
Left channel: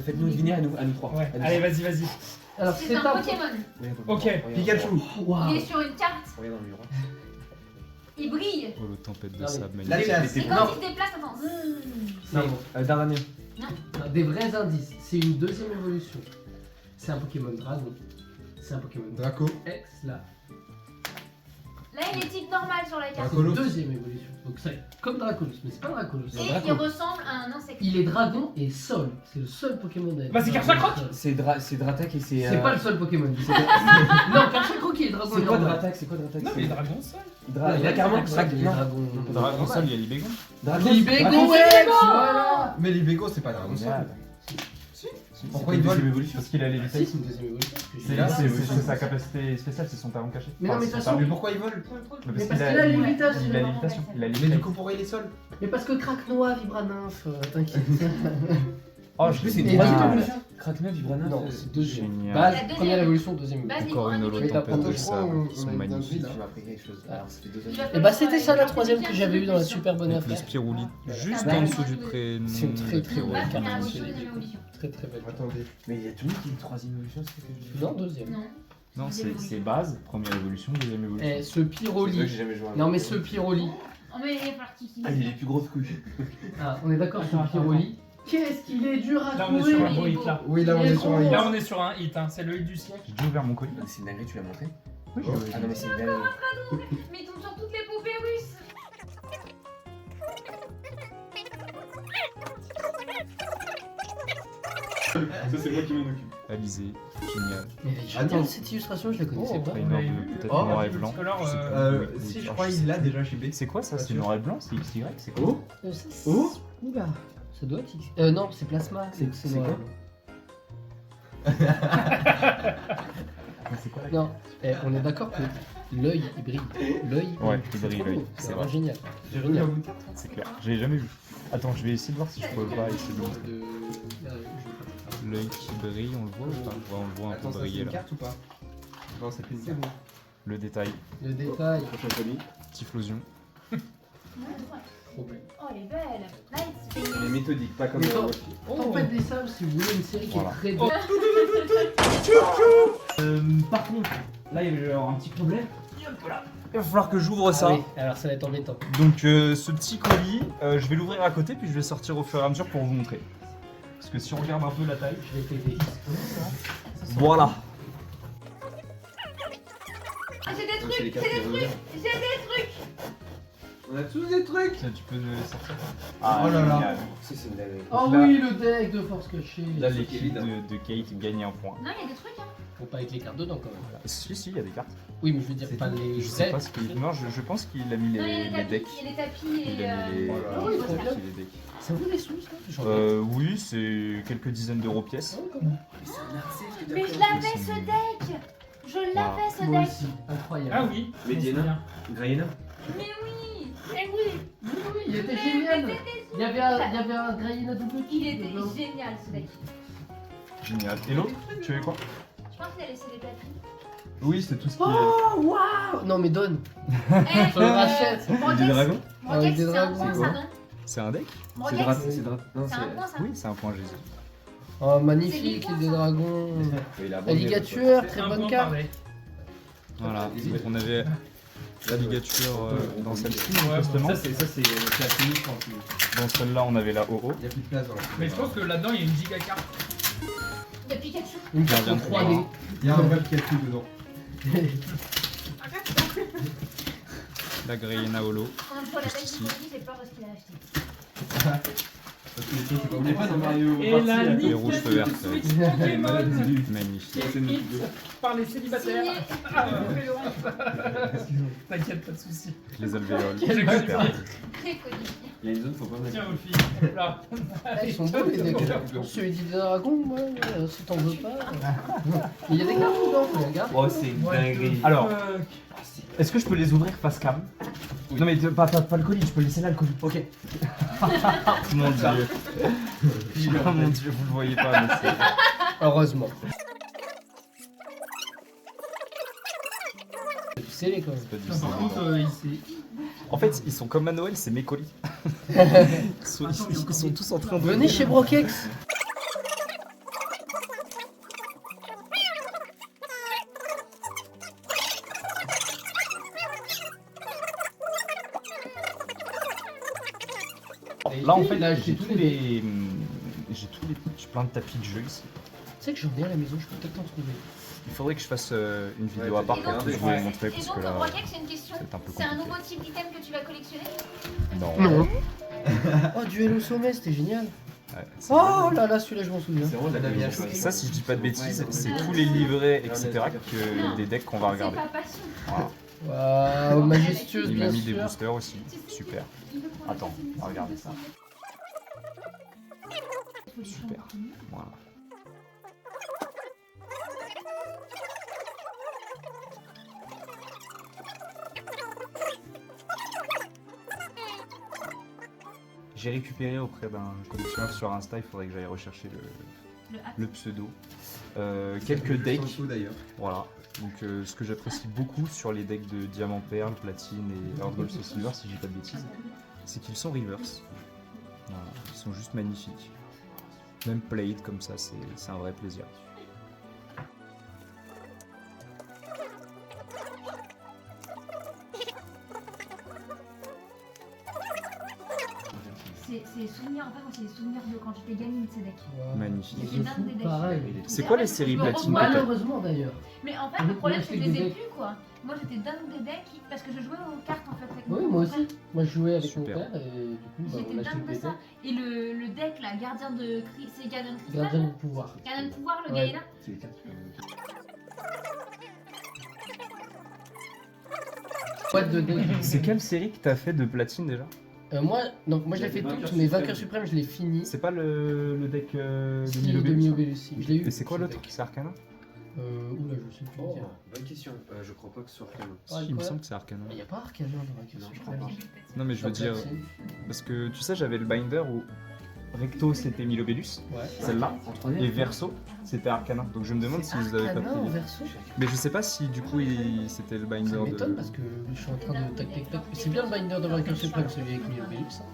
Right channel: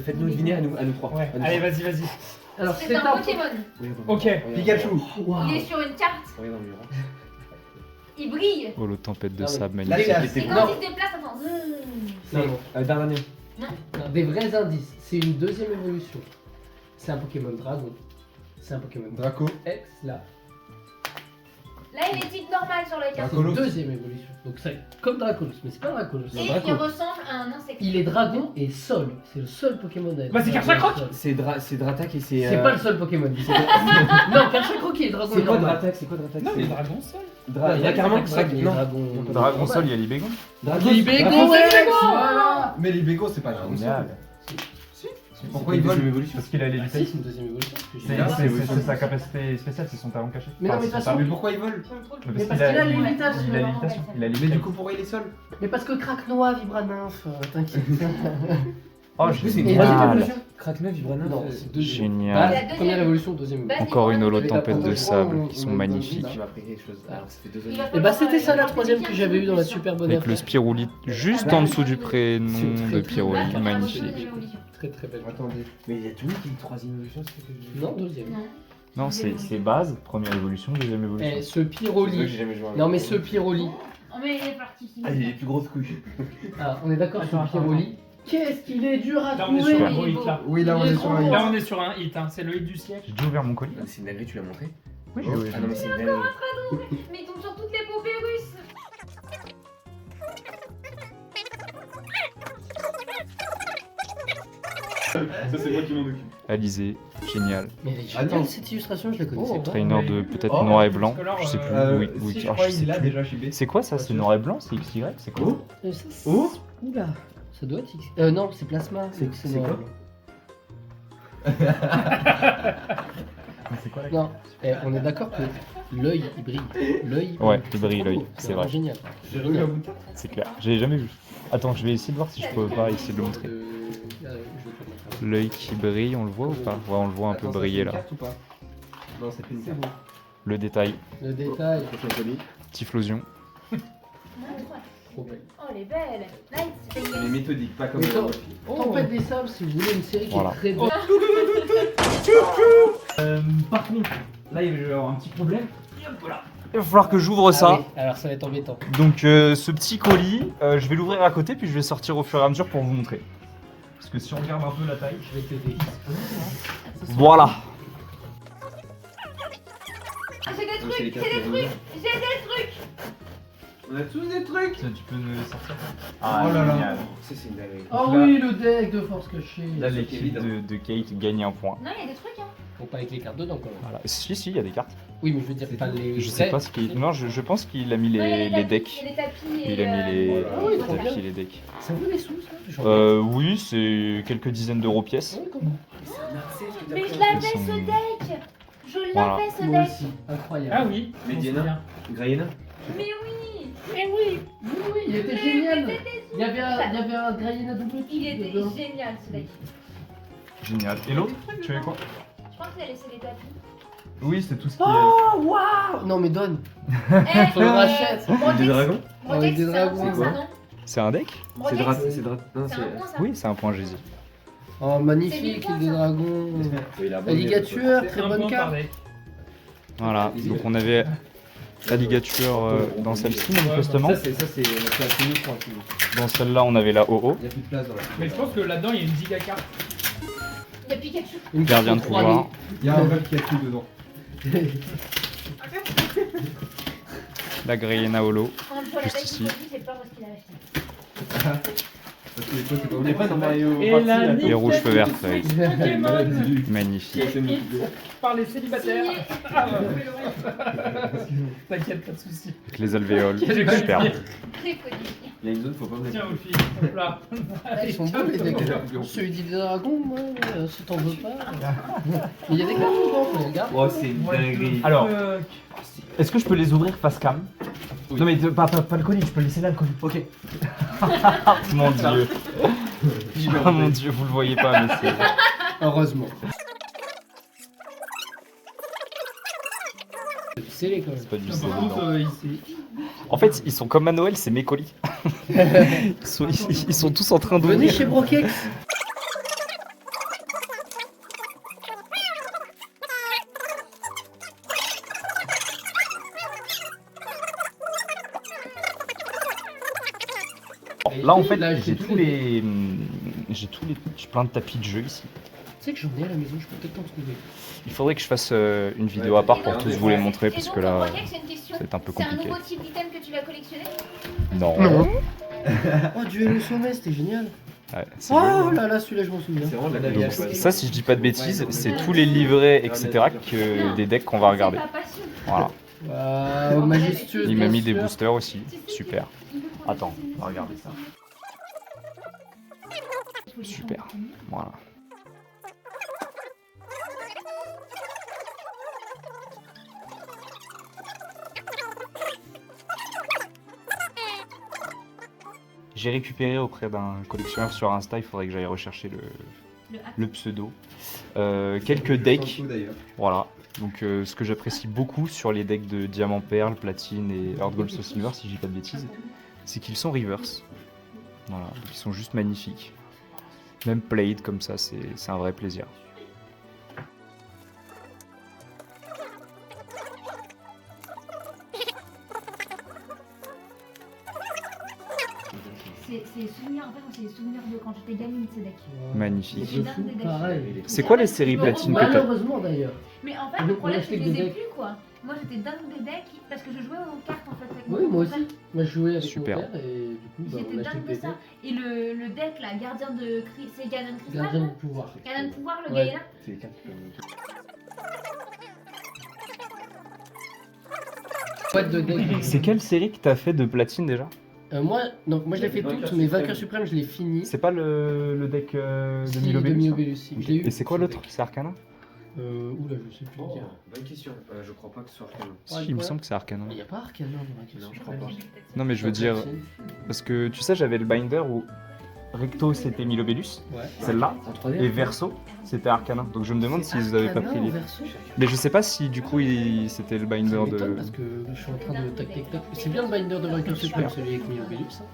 Faites-nous deviner à nous trois. Ouais, À nous allez, trois. vas-y. Alors C'est c'est un un... Pokémon. Ok. Pikachu. Waouh. Il est sur une carte. Regarde dans le miroir. Il brille. Oh le tempête de Ah oui. sable La magnifique. chasse. Et Non. quand il se déplace, attends. C'est Dardanien. des vrais indices. C'est une deuxième évolution. C'est un Pokémon Dragon. C'est un Pokémon Draco. X là. Là, il est type normal sur la carte. C'est Dracolos. une deuxième évolution. Donc c'est comme Dracolos, mais c'est pas Dracolos. c'est Et un il Draco. ressemble à un insecte. Il est dragon et sol. C'est le seul Pokémon à être Bah, c'est dragon Karchakroc. et sol. C'est Dratak et c'est. C'est pas le seul Pokémon. Non, Karchakroc il est dragon C'est et quoi normal. Dratak? C'est quoi Dratak? Non, les dragons seuls. Non, il y a carrément Karchakroc, il est Non. dragon. Dragon Sol, il y a les bégons. Libégo, ouais. Voilà. Mais les Bégos, c'est pas Dragon Sol. Pourquoi il ils vole volent évolution? Parce qu'il a les Ah si, c'est une deuxième évolution. C'est là, c'est sa capacité spéciale, c'est son talent caché. Mais non, mais de toute façon- Mais pourquoi ils volent? Mais parce qu'il a l'imitation. Il a l'imitation. Il a Mais du l'imitation. coup, pourquoi il est seul? Mais parce que Craquenois, Vibranymph, t'inquiète. Oh Je sais, c'est Et une deux génial. évolutions. Craqueneux, Vibrana. Non, c'est deuxième. Génial. Base, La deuxième. première évolution, deuxième évolution. Encore une holo Je vais tempête t'apprendre de à sable qui sont on est magnifiques. J'ai appris quelque chose. Alors, ça fait 2 Il va ans. Et bah c'était ça la troisième que j'avais eu dans la super bonne Avec le affaire. Spirouli juste en dessous du prénom C'est très, de très Pyroly, Là, première magnifique. évolution, deuxième évolution. Très très belle. Attendez. Mais il y a tout le monde qui est une 3ème évolution, c'est ce que je dis. Non, deuxième. Non. Non, c'est base, première évolution, deuxième évolution. Eh, ce C'est vrai que Pyroli. j'ai jamais joué à un Non mais jeu. ce Pyroli. Oh, mais il est parti. Ah, il a les plus grosses couilles. Ah, on est d'accord sur Attends, Pyroli. Qu'est-ce qu'il est dur à Là, on est sur trouver. un gros hit là. Oui, là, on Il est est sur trop un. Là, on est sur un hit, hein. C'est le hit du siècle. J'ai déjà ouvert mon colis. Mais c'est une dinguerie, tu l'as montré? Oui, Ah non, mais c'est une dinguerie. Mais il tombe sur toutes les poupées russes. Ça, c'est moi qui m'en occupe. Alizé, génial. Mais elle est Ah non. géniale, cette illustration, je la connaissais Oh, pas. Trainer de peut-être Oh, noir et blanc, Color, je sais plus. Oui, oui, Si, je alors, crois je sais qu'il l'a plus. déjà chez B. C'est quoi ça? C'est noir et blanc? C'est XY? C'est quoi? Oh, Oh Oula, ça doit être X. Non, c'est Plasma. C'est noir et quoi blanc. c'est quoi la Non, on est d'accord que l'œil il brille. L'œil. Ouais, il c'est brille, trop l'œil, beau, c'est vraiment vrai. génial. J'ai revu à bout de C'est clair. J'ai jamais vu. Attends, je vais essayer de voir si je peux pas essayer de le montrer. L'œil qui brille, on le voit ou pas? Ouais, on le voit un peu briller là. Carte ou pas? Non, c'est plus une carte. Le détail, Le détail. petite flosion. Trop belle. Oh, elle est belle. Nice. Mais méthodique, pas comme Mais la toi- Buffy. Tempête des Sables, si vous voulez une série Voilà. qui est très belle. Par contre, là il y avait un petit problème. Il va falloir que j'ouvre Ah ça. oui, alors ça va être embêtant. Donc ce petit colis, je vais l'ouvrir à côté puis je vais sortir au fur et à mesure pour vous montrer. Parce que si on regarde un peu la taille. Je vais t'aider. Voilà. Ah, j'ai des C'est trucs, les j'ai cartes des de trucs, j'ai des trucs. On a tous des trucs. Tiens, tu peux me les sortir. Oh là là. génial. Ça, c'est une dinguerie. Oh là- oui, le deck de force cachée. Là, l'équipe de Kate gagne un point. Non, il y a des trucs, hein. Faut pas avec les cartes dedans quand même. Voilà. Si, il y a des cartes. Oui, mais je veux dire C'est pas tout. les. Je sais pas ce qu'il. Non, je pense qu'il a mis Non, il y a les tapis, decks. Il y a des tapis Il et. a mis les. Ah oui, trop bien. tapis, les decks. Ça vaut des sous ça Oui, c'est quelques dizaines d'euros pièce. Ah oui, comment Mais je l'avais ce deck. Je Voilà. l'avais ce Moi deck. aussi, incroyable. Ah oui. Mais on se Diana. souvient. Grayena. Mais oui. Oui, il était génial. Il y avait un Grayena double Il était dedans. génial ce deck. Génial. Et l'autre, tu avais quoi? Je pense qu'il a laissé les tapis. Oui, c'est tout ce qu'il Oh waouh. Non mais donne. Eh, Je le rachète. Brodex, Des dragons. Brodex, Avec des c'est un dragons, point, ça, ouais. non C'est un deck? C'est Brodex, Drat. C'est Drat. Non, c'est un point, ça. Oui, c'est un point Jésus. Oh C'est magnifique, mignon, des ça. dragons. Il a Alligator, C'est très un bonne point par carte. deck. Voilà. Donc on avait l'alligature dans celle-ci, manifestement. Ça, c'est assez nous, tranquille. Dans celle-là, on avait la OO. Il y a plus de place dans la. Mais je pense que là-dedans il y a une giga carte. Il y a Pikachu. Une carte Gardien de 3D. pouvoir. Il y a un bug qui a tout dedans. La Grayena Holo. Quand je vois la Juste taille ici. du produit, j'ai peur de ce qu'il a acheté. Parce que les choses, c'est pas. On n'est pas dans Mario. Et Party, la là. Les rouges feux verts, Nintendo c'est Switch Pokémon magnifique. écrite par les célibataires. Signé. Ah, T'inquiète, pas de soucis. Avec les alvéoles. J'ai Super. codifié. Très codifié. Il y a une zone, faut pas Tiens, mettre. aux filles. Hop là. Ah, ils sont beaux les decks. Celui des dragons, moi, si t'en veux pas. Mais il y a des cartes dedans, faut les regarder. Oh, c'est une dinguerie. Alors, est-ce que je peux les ouvrir face cam? Non mais pas le colis, je peux laisser là le colis. Ok. Mon dieu. Oh mon dieu, vous le voyez pas mais c'est... Heureusement. C'est les quand même. c'est pas du Par scellé, contre, non. ici. En fait, ils sont comme à Noël, c'est mes colis. Ils sont tous en train de Venez chez Brokex. Là en fait, Là, j'ai tous les... J'ai plein de tapis de jeu ici. Tu sais que j'en ai à la maison, je peux peut-être t'en trouver. Il faudrait que je fasse une vidéo à part pour tous vous les montrer parce que là, j'ai une question. c'est un peu C'est un compliqué. nouveau type d'item que tu vas collectionner? Non. Oh, duel au sommet, c'était génial. Ouais, c'est Oh là là, celui-là, je m'en souviens. C'est vraiment de la bien. vie. Ça, si je dis pas de bêtises, c'est tous les livrets, etc. que des decks qu'on va regarder. C'est pas passion. Voilà. Waouh, majestueux. Il m'a bien mis des sûr. boosters aussi. Super. Attends, on va regarder ça. Super. Voilà. J'ai récupéré auprès d'un collectionneur sur Insta, il faudrait que j'aille rechercher le pseudo. Quelques decks, d'ailleurs. voilà. Donc ce que j'apprécie beaucoup sur les decks de Diamant Perle, Platine et Heart Gold Soul Silver, si je dis pas de bêtises, c'est qu'ils sont reverse. Voilà, ils sont juste magnifiques. Même played comme ça, c'est un vrai plaisir. C'est des souvenirs, en fait, c'est des souvenirs de quand j'étais gamine, ces decks. Magnifique. Je fous, pareil. C'est quoi les séries Platine que t'as? Malheureusement d'ailleurs. Mais en fait, On le problème, achetait c'est que je des les ai decks. plus, quoi. Moi, j'étais dingue des decks parce que je jouais aux cartes, en fait. Avec Oui, mon moi frère. aussi. Moi, je jouais avec Super. mon père et du coup, bah, J'étais on achetait dingue de des ça. decks. Et le deck, là, gardien de... C'est gardien de cristal, Gardien là du pouvoir. Gardien de pouvoir, le Ouais. gars là. C'est les cartes. Boîte de decks. C'est quelle série que t'as fait de Platine déjà? Moi, non, moi je l'ai fait toutes, mais Vainqueur Suprême, je l'ai fini. C'est pas le deck de Si, Milobélus, de Milobélus, si. Je l'ai eu. Et c'est quoi l'autre? C'est Arcana? Oula, je sais plus Oh, dire. bonne question. Je crois pas que ce soit Arcana. Si, il me semble que c'est Arcana. Il n'y a pas Arcana dans la question. Non, je crois pas. Non, mais je veux dire, parce que tu sais, j'avais le binder où Recto c'était Milobellus, Ouais. celle-là, En 3D. et Verso c'était Arcana. Donc je me demande s'ils avaient pas Arcana pris en les. verso. Mais je sais pas si du coup c'était le Ça binder m'étonne de. parce que je suis en train de tac tac tac. C'est bien le binder de Vainqueur Suprême, celui avec Milobellus. Hein.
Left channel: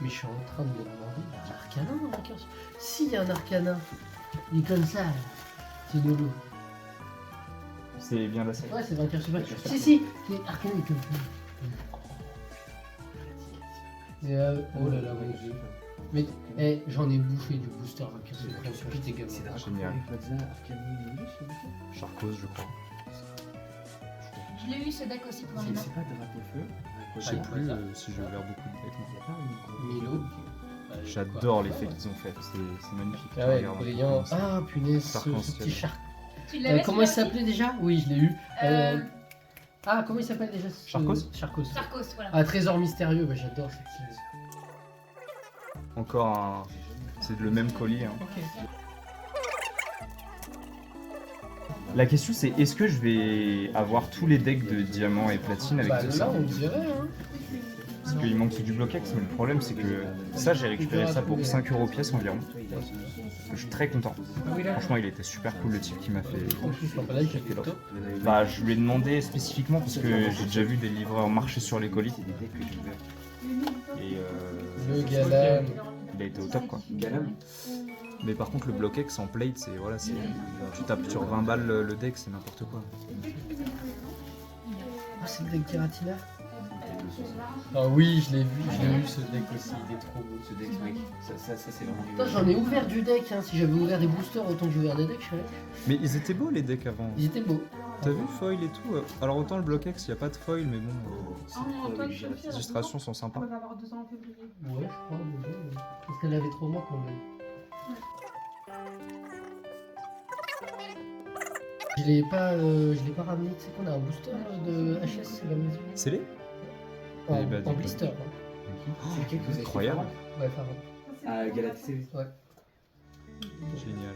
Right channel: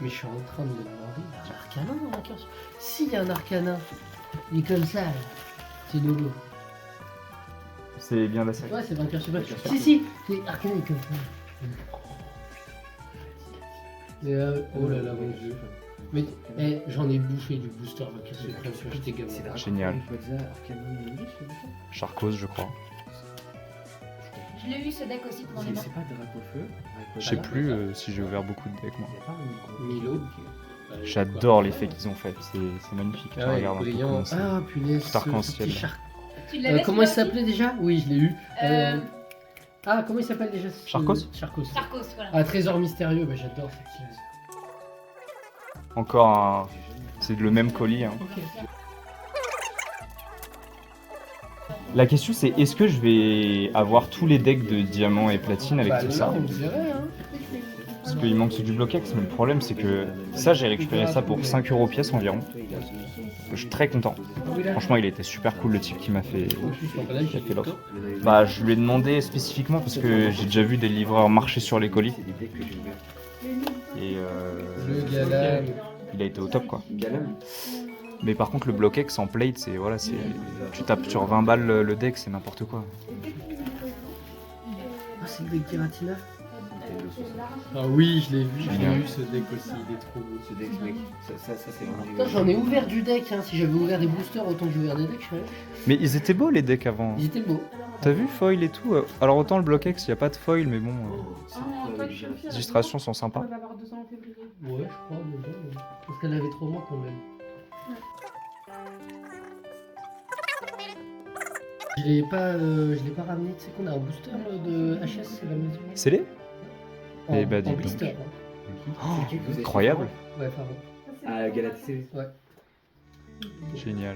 Mais je suis en train de me demander, il y a Arcana dans Vainqueur Suprême. S'il y a un Arcana, il est comme ça, là. C'est nouveau. C'est bien la série. Ouais, c'est Vainqueur Suprême. Si, c'est Arcana est comme ça. Et oh là là, mon dieu. Mais j'en ai bouffé du booster Vainqueur Suprême sur tes gamins. Génial. Charcos, je crois. Je l'ai eu ce deck aussi pour les mains. C'est pas Drapeau-Feu. Je sais plus si j'ai ouvert beaucoup de decks moi. Milo. J'adore l'effet qu'ils ont fait, c'est magnifique. Ah ouais, Regarde un peu brillant. comment c'est. Ah punaise, Tout ce arc-en-ciel. petit char. Tu l'avais Comment il celui-là s'appelait déjà? Oui, je l'ai eu. Euh, Ah, comment il s'appelle déjà Charcos Charcos. aussi Sarkos, voilà. Ah, Trésor mystérieux, bah, j'adore cette série. Encore un. C'est le même colis. Hein. La question c'est est-ce que je vais avoir tous les decks de diamant et platine avec Bah tout là, ça on dirait, hein. Parce qu'il manque du bloquex, mais le problème c'est que ça j'ai récupéré ça pour 5 € pièce environ. Je suis très content. Franchement il était super cool le type qui m'a fait. fait l'offre. Bah je lui ai demandé spécifiquement parce que j'ai déjà vu des livreurs marcher sur les colis. Et Le Galam. il a été au top quoi. Galam. Mais par contre le bloquex en plate c'est voilà c'est. Tu tapes sur 20 balles le deck c'est n'importe quoi. Ah, c'est le deck Giratina. Ah oui, je l'ai vu, ce deck aussi, il est trop beau. Ce deck, mec, ça c'est vraiment. Putain, j'en ai ouvert du deck, hein. Si j'avais ouvert des boosters autant que j'ai ouvert des decks, je serais. Mais ils étaient beaux les decks avant. Ils étaient beaux. T'as vu foil et tout alors autant le bloquex il n'y a pas de foil mais bon Ah non, toi, je peux le les faire. illustrations sont sympas. On va avoir 2 ans en février. Ouais, je crois, mais bon. Parce qu'elle avait 3 mois quand même. Je l'ai pas ramené, tu sais qu'on a un booster de HS à la maison. C'est les En, Eh bah, dis en donc. blister. Hein. Incroyable. Ouais, pardon. Ah, Galacticé. Génial.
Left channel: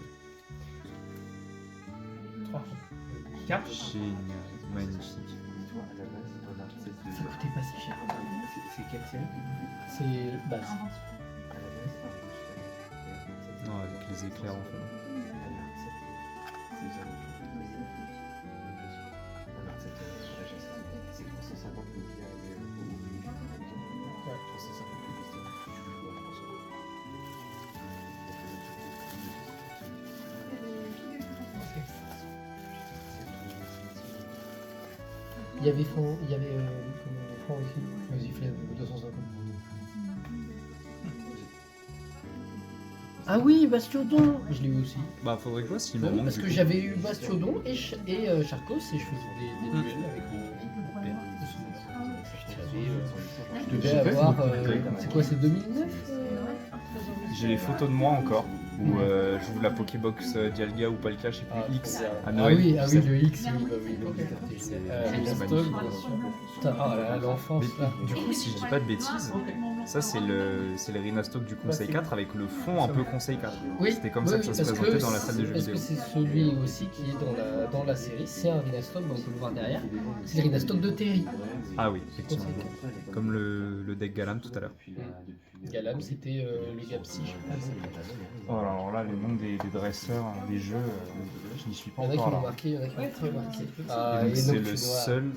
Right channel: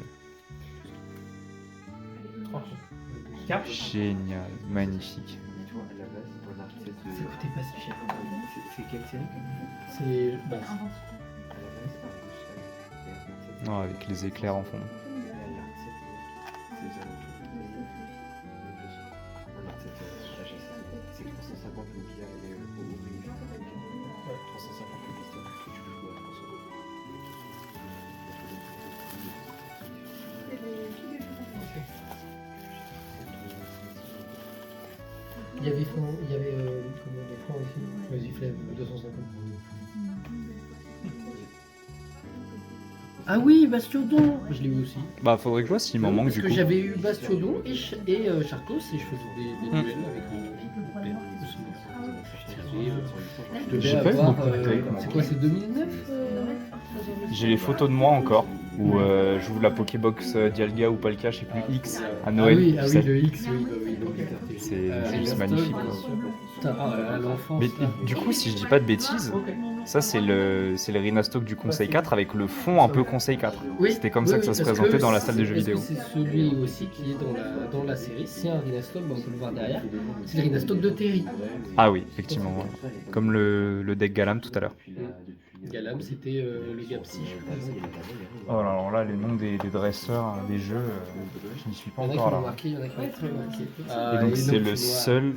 Génial. Magnifique. Tu vois, à la base, on a cette. Ça coûtait pas si cher. C'est quelle série C'est. Bah, À la base, Non avec les éclairs en fond. il y avait fond, il y avait le fond aussi. Vas-y, fais 250. Ah oui, Bastiodon. Je l'ai eu aussi. Bah faudrait que je vois s'il m'en Oui, manque parce du que coup. j'avais eu Bastiodon et Charcos et je faisais des duels avec je devais J'ai pas vu avoir. beaucoup de tailles, C'est quoi, c'est 2009 J'ai les photos de moi encore où j'ouvre la Pokébox Dialga ou Palkia, je sais plus X à Noël. Ah tu oui, sais. le X, oui, bah oui. C'est juste Stock, magnifique. bien sûr. Putain, ah là là, l'enfance. Mais là. du coup, si je dis pas de bêtises, ça c'est le Rhinastock du Conseil 4 avec le fond un peu Conseil 4. Oui, C'était comme ça que ça se est-ce présentait dans la salle des jeux est-ce vidéo. que c'est celui aussi qui est dans la série. C'est un Rhinastock, on peut le voir derrière. C'est le Rhinastock de Terry. Ah oui, effectivement. Comme le deck Galam tout à l'heure. Galam, c'était le Gapsi. Oh, alors là, les noms des dresseurs des jeux, je n'y suis pas Il y en a qui encore l'ont là. marqué, il y en a qui l'ont pas marqué. Et donc c'est le seul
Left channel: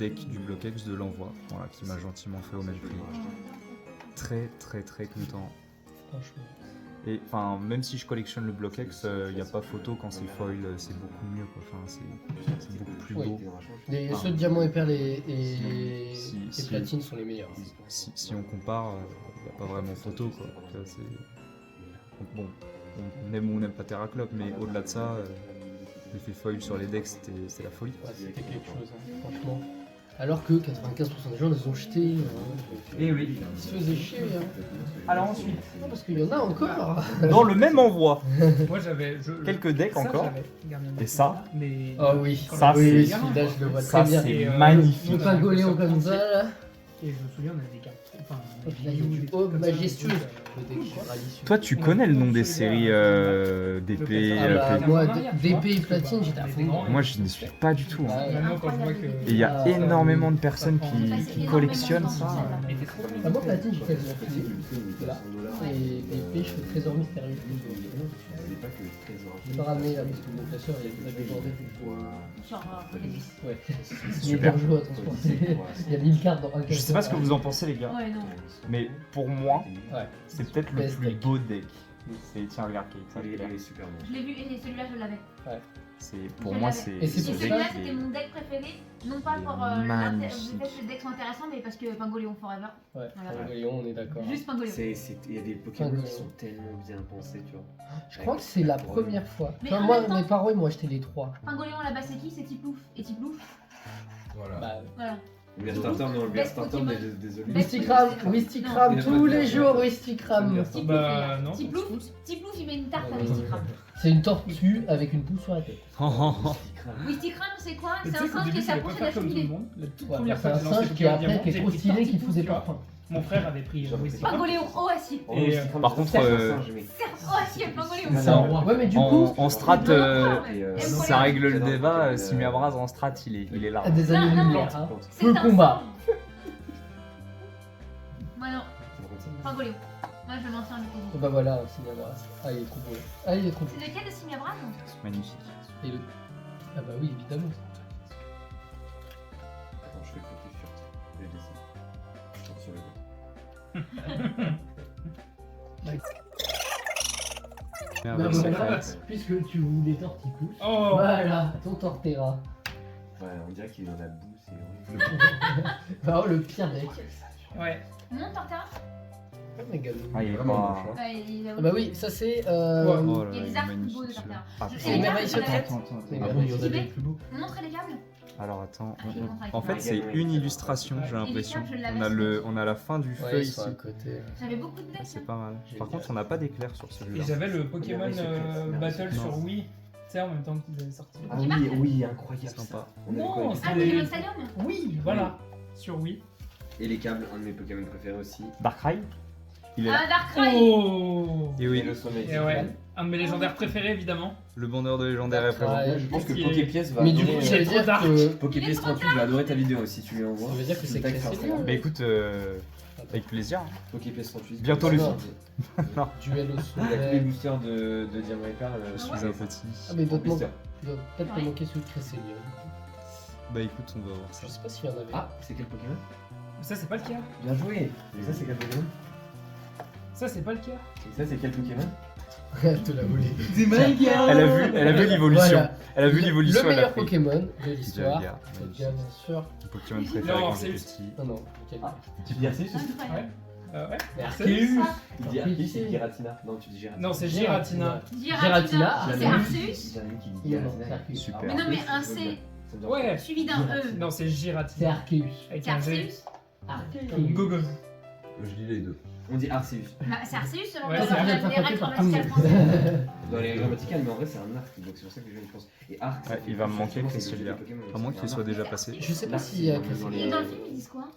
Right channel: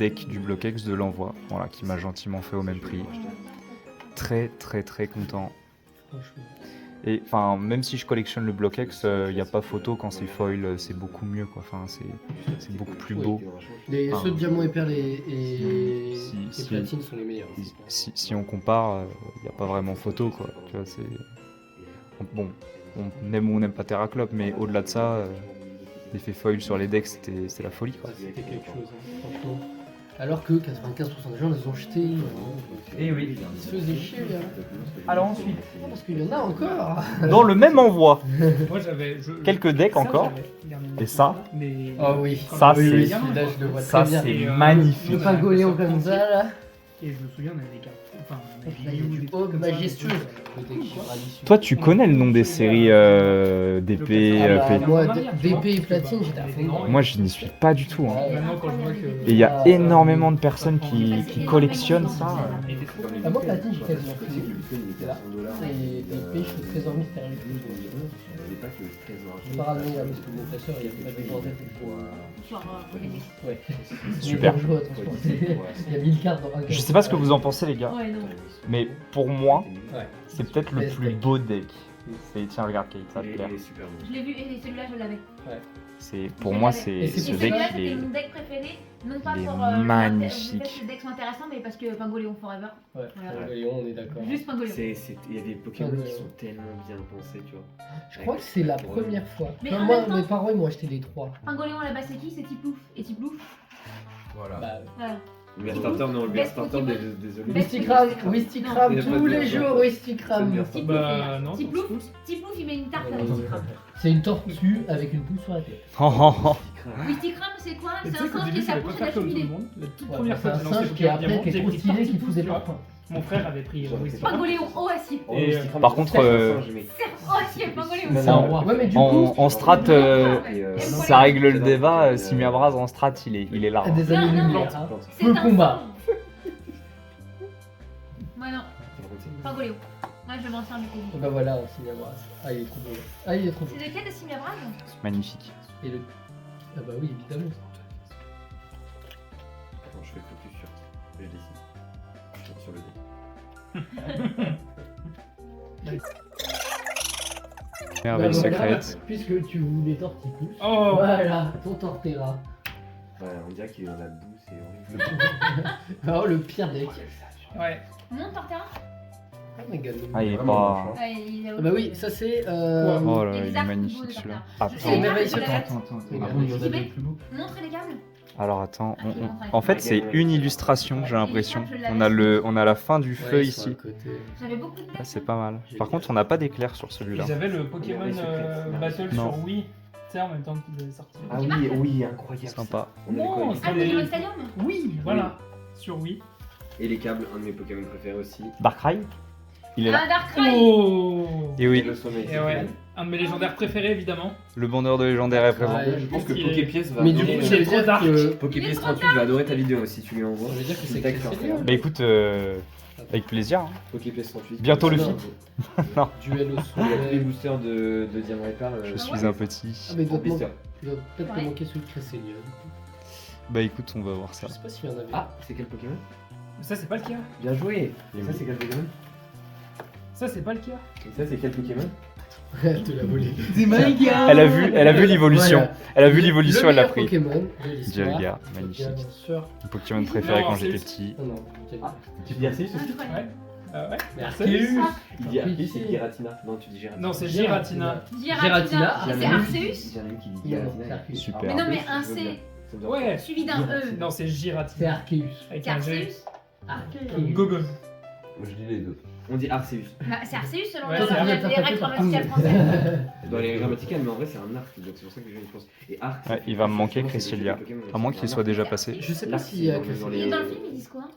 deck du Bloquex de l'envoi, voilà, qui m'a gentiment fait au même prix. Très très très content. Franchement. Et enfin, même si je collectionne le Bloquex, il n'y a pas photo quand c'est foil, c'est beaucoup mieux quoi. Enfin, c'est beaucoup plus beau. Les Ah. ceux de diamant et perles et Si- platine sont les meilleurs. Si on compare, il n'y a pas vraiment photo quoi. Tu vois, c'est bon, on aime ou on n'aime pas Terraclop, mais au-delà de ça, l'effet foil sur les decks, c'était la folie. Ouais, c'était quelque chose, hein, franchement. Alors que 95% des gens les ont jetés. Et oui. Ils se faisaient chier. Hein. Alors ensuite, Parce qu'il y en a encore. Dans le même envoi, Moi j'avais. quelques decks encore. Et ça, Mais. Ah oui. Ça, oui, oui, c'est- celui-là, je le vois ça très bien. c'est Et, Le magnifique. Pingoléon comme ça, là. Et je me souviens, on avait des cartes. Enfin, Et puis là, il y a du Aube majestueux. Le deck Chivrali. Toi, tu connais le nom des séries d'épée, Ah bah, P- moi, d'épée et platine, j'étais à fond. Moi, je n'y suis pas du tout. Hein. Maintenant, quand je vois que. Et il y a énormément de personnes qui collectionnent ça. Ah, moi, platine, j'ai quasiment fait. C'est là. Et épée, je fais trésor mystérieux. Je vais pas ramener là parce que mon classeur, il y a pas de bordel. Genre, les- Ouais. Super. Il est dangereux, attention. Il y a 1000 cartes dans un Je sais pas ce que vous en pensez, les gars, Ouais, non. mais pour moi, Ouais. c'est peut-être le Best plus deck. beau deck. C'est tiens, regarde, Kate, ça te Il plaît. est super bon. Je l'ai vu et celui-là, je l'avais. C'est pour moi, Et c'est c'est ce pour Et deck celui-là, qui est. c'était mon deck préféré. Non pas il est pour magnifique. le fait que les decks sont intéressants, mais parce que Pingoléon Forever. Ouais, Voilà. Léon, on est d'accord. Juste Pingoléon. Il y a des Pokémon qui sont tellement bien pensés, tu vois. Je crois que c'est la première fois. Mais Enfin, en moi, même temps- mes parents, ils m'ont acheté les 3. Pingoléon à la base, c'est qui? C'est Tiplouf. Et Tiplouf, Voilà. Bah, voilà. Le Starter, non, le Best Starter, Pokémon. désolé. Best Wistikram, Non. Wistikram, Il y a pas tous de les bien, jours, ouais. Wistikram. Bah, Tiplouf, Bah, non. Tiplouf, il met une tarte à Wistikram. C'est une tortue avec une boule sur la tête. Oh, oh, oh. Wistikram, c'est quoi? Et C'est tu sais un qu'au singe qui début, est ça sa va pas bouche faire à comme tout le cheminer. monde. La toute Ouais, première c'est fois un que j'ai lancé singe qui est après, Pokémon qui est Diamant, trop j'ai stylé, pris qui fout des tu vois. parfums. Mon frère avait pris Wistikram. Pingoléon haut acier. Et, par contre, Haut acier, Pingoléon. C'est un roi. Ouais, mais du coup, En strat, ça règle le débat. Simiabras en strat, il est là. des Non, non, années-lumière. mais- hein. C'est Le un combat. singe. Moi non, Pingoléon. Moi je m'en tiens du coup. Et bah voilà, Simiabras. Ah, il est trop beau. Ah, il est trop beau. C'est lequel de Simiabras? Magnifique. Et le. Ah, bah oui, évidemment. Attends, je fais focus sur le dessin. Sur le Merveille Bah, voilà, secrète. puisque tu voulais torticolis. Oh Voilà, ton Torterra. Ouais, on dirait qu'il est dans la boue, c'est horrible. Bah, oh, le pire deck. Ouais. Mon Torterra? Ah, mais gars, Ah, il est Vraiment pas. moche, Ouais, il est Ah bah oui, ça c'est. Oh là Il y a là, des il est arcs beaux magnifique de celui-là. Tartare. Ah, Je- C'est les merveilles Attends, secrètes. attends, attends. Ah, Ah bon, bon, il y en a J'y des vais. plus beaux. Montre les câbles. Alors attends, Ah, je montre avec en fait moi. c'est une illustration, j'ai l'impression. je l'avais On a sur- on a la fin du feu Ouais, sur ici. le côté. J'avais beaucoup de Ah, decks. c'est pas mal. J'ai Par vu. contre, on n'a pas d'éclair sur celui-là. Ils avaient le Pokémon Merveille secrète. Battle Non. sur Wii. Tu sais, en même temps qu'ils avaient sorti. Ah oui, oui, incroyable. Sympa. On avait Non, quoi, les Ah, câbles Pokémon Stadium? Oui, voilà. Sur Wii. Et les câbles, un de mes Pokémon préférés aussi. Darkrai, il est là. Ah, Darkrai. Oh Et Et oui, le sommet. Et ouais, un de mes légendaires préférés évidemment. le bandeur de légendaire est présent. Ouais, Je pense que Qu'est-ce qui est- Poképièce va Mais du adorer, coup, ça veut dire dark. que. Poképièce 38 va adorer ta vidéo si tu lui envoies. Ça veut dire que c'est Tac, classé faire bien. Bah écoute, avec plaisir. Hein. Poképièce 38. Bientôt le Non. feat. Duel au Il y a tous les soleil. boosters de Diamant et Perle. Je Ah suis ouais. un petit. Ah, mais il doit te Booster. il doit peut-être te Ouais. manquer celui de Cresselia. Bah écoute, on va voir ça. Je sais pas s'il y en avait. Ah, c'est quel Pokémon Ça c'est pas le cas. Bien joué. Et ça, c'est quel Pokémon Ça c'est pas le cas. Et ça, c'est quel Pokémon Elle te l'a volé. Elle a vu l'évolution. Voilà. Elle a vu l'évolution, Le elle l'a meilleur pris. Pokémon de l'histoire. Dialga, magnifique. Bien sûr. Mon Pokémon préféré Non, quand c'est j'étais le- petit. Ah non, Dialga. Tu dis Arceus aussi Incroyable. Ouais. Ouais. Mais Arceus. Arceus. Il dit Arceus, c'est Giratina. Non, tu dis Giratina. Non, c'est Giratina. Giratina. Giratina. C'est Arceus. J'ai un ami qui dit Il y a Giratina. Arceus. Super. Mais non, mais un C Ça doit Ouais. suivi d'un E. Non, c'est C'est Giratina. Arceus. Avec C'est un G. Arceus. Comme Gogon. Je dis les deux. On dit Arceus. Bah, c'est Arceus selon Ouais, les c'est règles grammaticales françaises. Dans les grammaticales, mais en vrai, c'est un arc. Donc c'est pour ça que les gens y pensent. Et arc. Ouais, il va me manquer Cresselia. À moins qu'il soit déjà passé. Je sais pas si Et dans le film, ils disent quoi?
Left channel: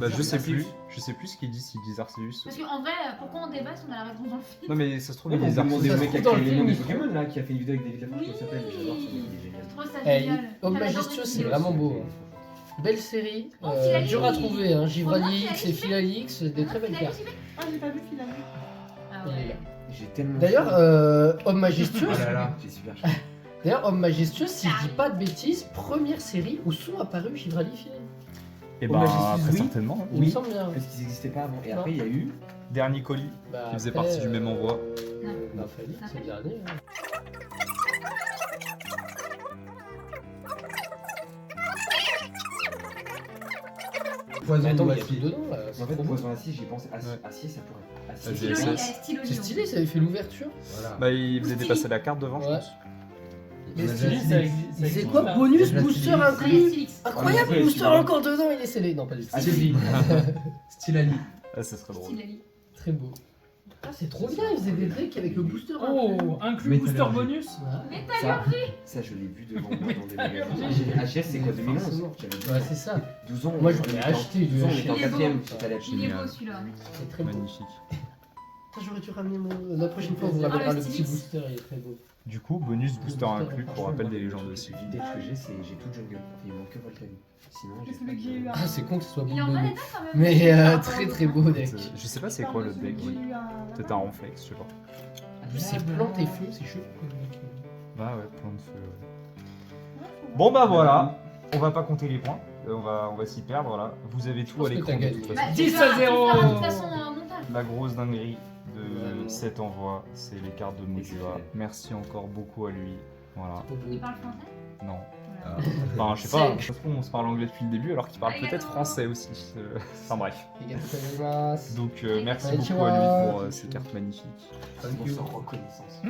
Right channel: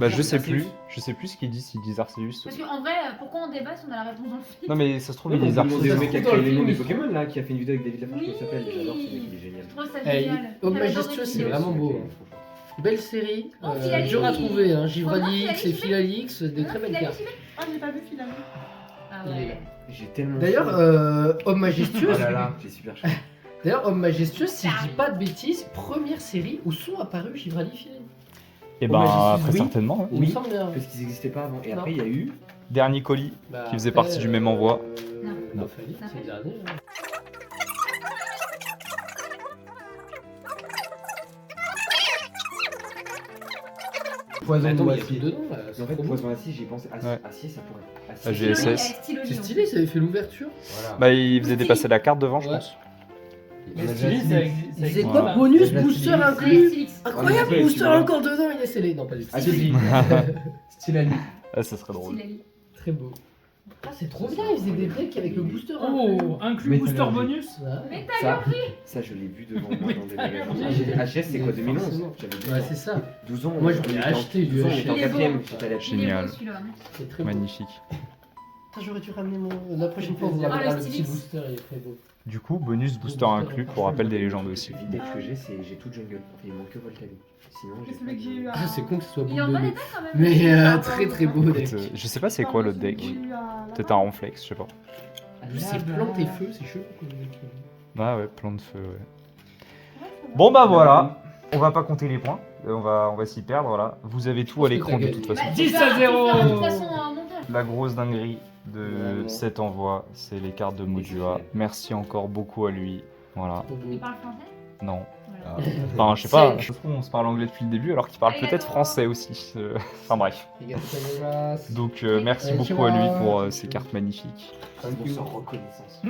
Bah je sais plus. Je sais plus ce qu'ils disent, s'ils disent Arceus. Parce qu'en vrai, pourquoi on débat si on a la réponse dans le film? Non mais ça se trouve, Oui, ils on disent peut demander Arceus. au mec qui a Dans le créé les noms film, des ils Pokémon là, qui a fait une vidéo avec David Lafarge, Oui. comment il s'appelle J'adore ce mec, il est génial. Je trouve ça Eh, génial. Homme J'avais majestueux, adoré c'est cette vraiment vidéo. beau. Belle série, Oh, Philalix. dur à trouver, hein. Givralix Philalix, et Philalix, des très belles Il a cartes. vu, Ah, j'ai pas vu Philalix. Ah Il est ouais. là. J'ai tellement. D'ailleurs, chaud. Homme majestueux, Oh là là. J'ai super chaud. d'ailleurs, Homme majestueux, si je dis pas de bêtises, première série où sont apparus Givralix et Philalix. Et Au ben Majestus, très oui. certainement. hein. Il me semble bien. Parce qu'ils n'existaient pas avant. Et Non. après, il y a eu. Dernier colis. Bah, Qui faisait après, partie du même envoi. Non, Philalix, c'est le dernier. hein. Poison Attends, ou il y a acier. Dedans, là, En c'est fait, trop beau. poison acier, j'y pensé. Ouais. Acier, ça pourrait. Ah, Acier. j'ai- GSS. C'est stylé, ça avait fait l'ouverture. Voilà. Bah il faisait dépasser la carte devant, je Ouais. pense. On a Mais déjà Stylé, dit. ça existe. C'est existe quoi pas. bonus, Il y a booster la inclus Félix. Incroyable, Ouais, booster tu vois. encore dedans, il est scellé. Non, pas du tout. Ah, j'ai dit. Style à lui. Ah, ça serait drôle. Style Ali. Très beau. Ah, c'est trop bien, ils faisaient des decks avec le booster. Oh, inclus booster Métallurgie. bonus. Ouais, Ça, je l'ai vu devant moi dans des magasins. HS, c'est quoi, 2011? J'avais 12 ouais ans. c'est ça. 12 ans. Moi, on j'en ai était en- acheté 12 du ans, on était en Il est beau. 4ème, j'étais à la Il est Génial. beau celui-là. C'est très beau. Magnifique. Putain, j'aurais dû ramener mon. La prochaine fois, on vous Ah, ramènera le le petit Stylix. booster, il est très beau. Du coup, bonus booster inclus pour rappel des légendes aussi. Le vidéo que j'ai, c'est j'ai tout jungle. Il manque que Volcano. Sinon, C'est j'ai celui que j'ai eu à. Ah, c'est con que ce soit Il boule en de connaît nez. pas quand même. Mais Par rapport très aux très autres. beau deck. Je sais pas c'est quoi le deck. Peut-être un ronflex, je sais pas. C'est plante et feu, c'est chaud. Bah ouais, plan de feu. Ouais. Bon bah voilà, on va pas compter les points. On va s'y perdre, voilà. Vous avez tout pense à que l'écran t'as de gagné. toute façon. Bah, 10 tu feras- à 0. Tu feras de toute façon un montage. La grosse dinguerie de Vraiment. cet envoi, c'est les cartes de Modua. Merci encore beaucoup à lui. Voilà. Il parle français. Non. Ah. Enfin, je sais pas, je trouve qu'on se parle anglais depuis le début alors qu'il parle peut-être français aussi. Enfin bref. Donc merci beaucoup à lui pour ces cartes magnifiques. On sent reconnaissance.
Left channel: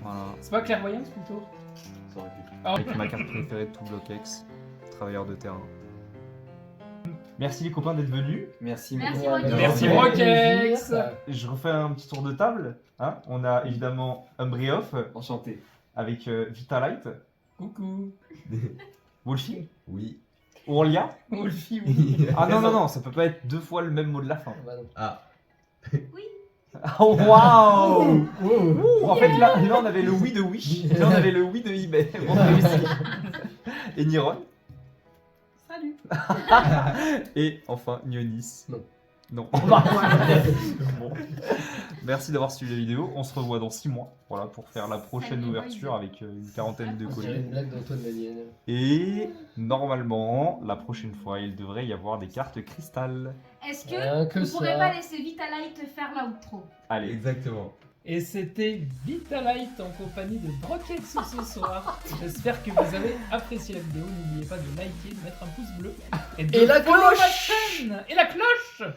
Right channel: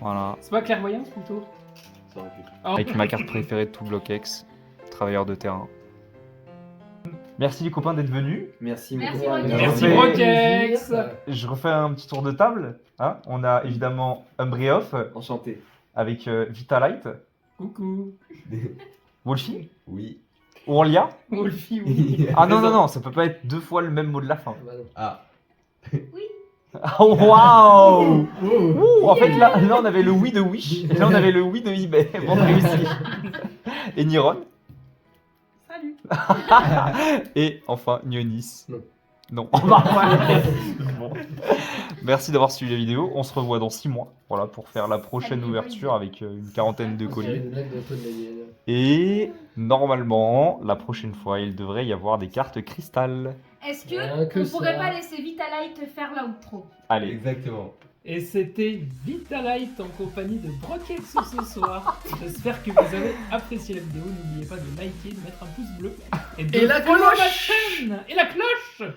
Voilà. C'est pas clairvoyance plutôt. Ça aurait pu. Oh. Avec ma carte préférée de tout Block X, travailleur de terrain. Merci les copains d'être venus. Merci, Merci, beaucoup. Rocket. Merci, Ouais. Brokex. Je refais un petit tour de table. Hein. On a évidemment Umbrioff Enchanté. avec Vitalite, Coucou. Wolfie, Oui. Ourlia. Wolfie, oui. Ah non, non, non, ça peut pas être deux fois le même mot de la fin. Ah. Oh, waouh! Ouh, en fait, là, on avait le oui de Wish, et là, on avait le oui de eBay. Bon, réussi. Et Niron. Salut. Et enfin, Nionis. Non. Non. Bon. Merci d'avoir suivi la vidéo. On se revoit dans 6 mois, voilà, pour faire la prochaine Salut, ouverture avec une quarantaine de C'est colis. une blague d'Antoine Daniel. Et normalement, la prochaine fois, il devrait y avoir des cartes cristal. Est-ce Rien que que on pourrait ça. pas laisser Vitalite faire l'outro? Allez. Exactement. Et c'était Vitalite en compagnie de Brokex ce soir. J'espère que vous avez apprécié la vidéo. N'oubliez pas de liker, de mettre un pouce bleu. Et la follow ma cloche. chaîne. Et la cloche.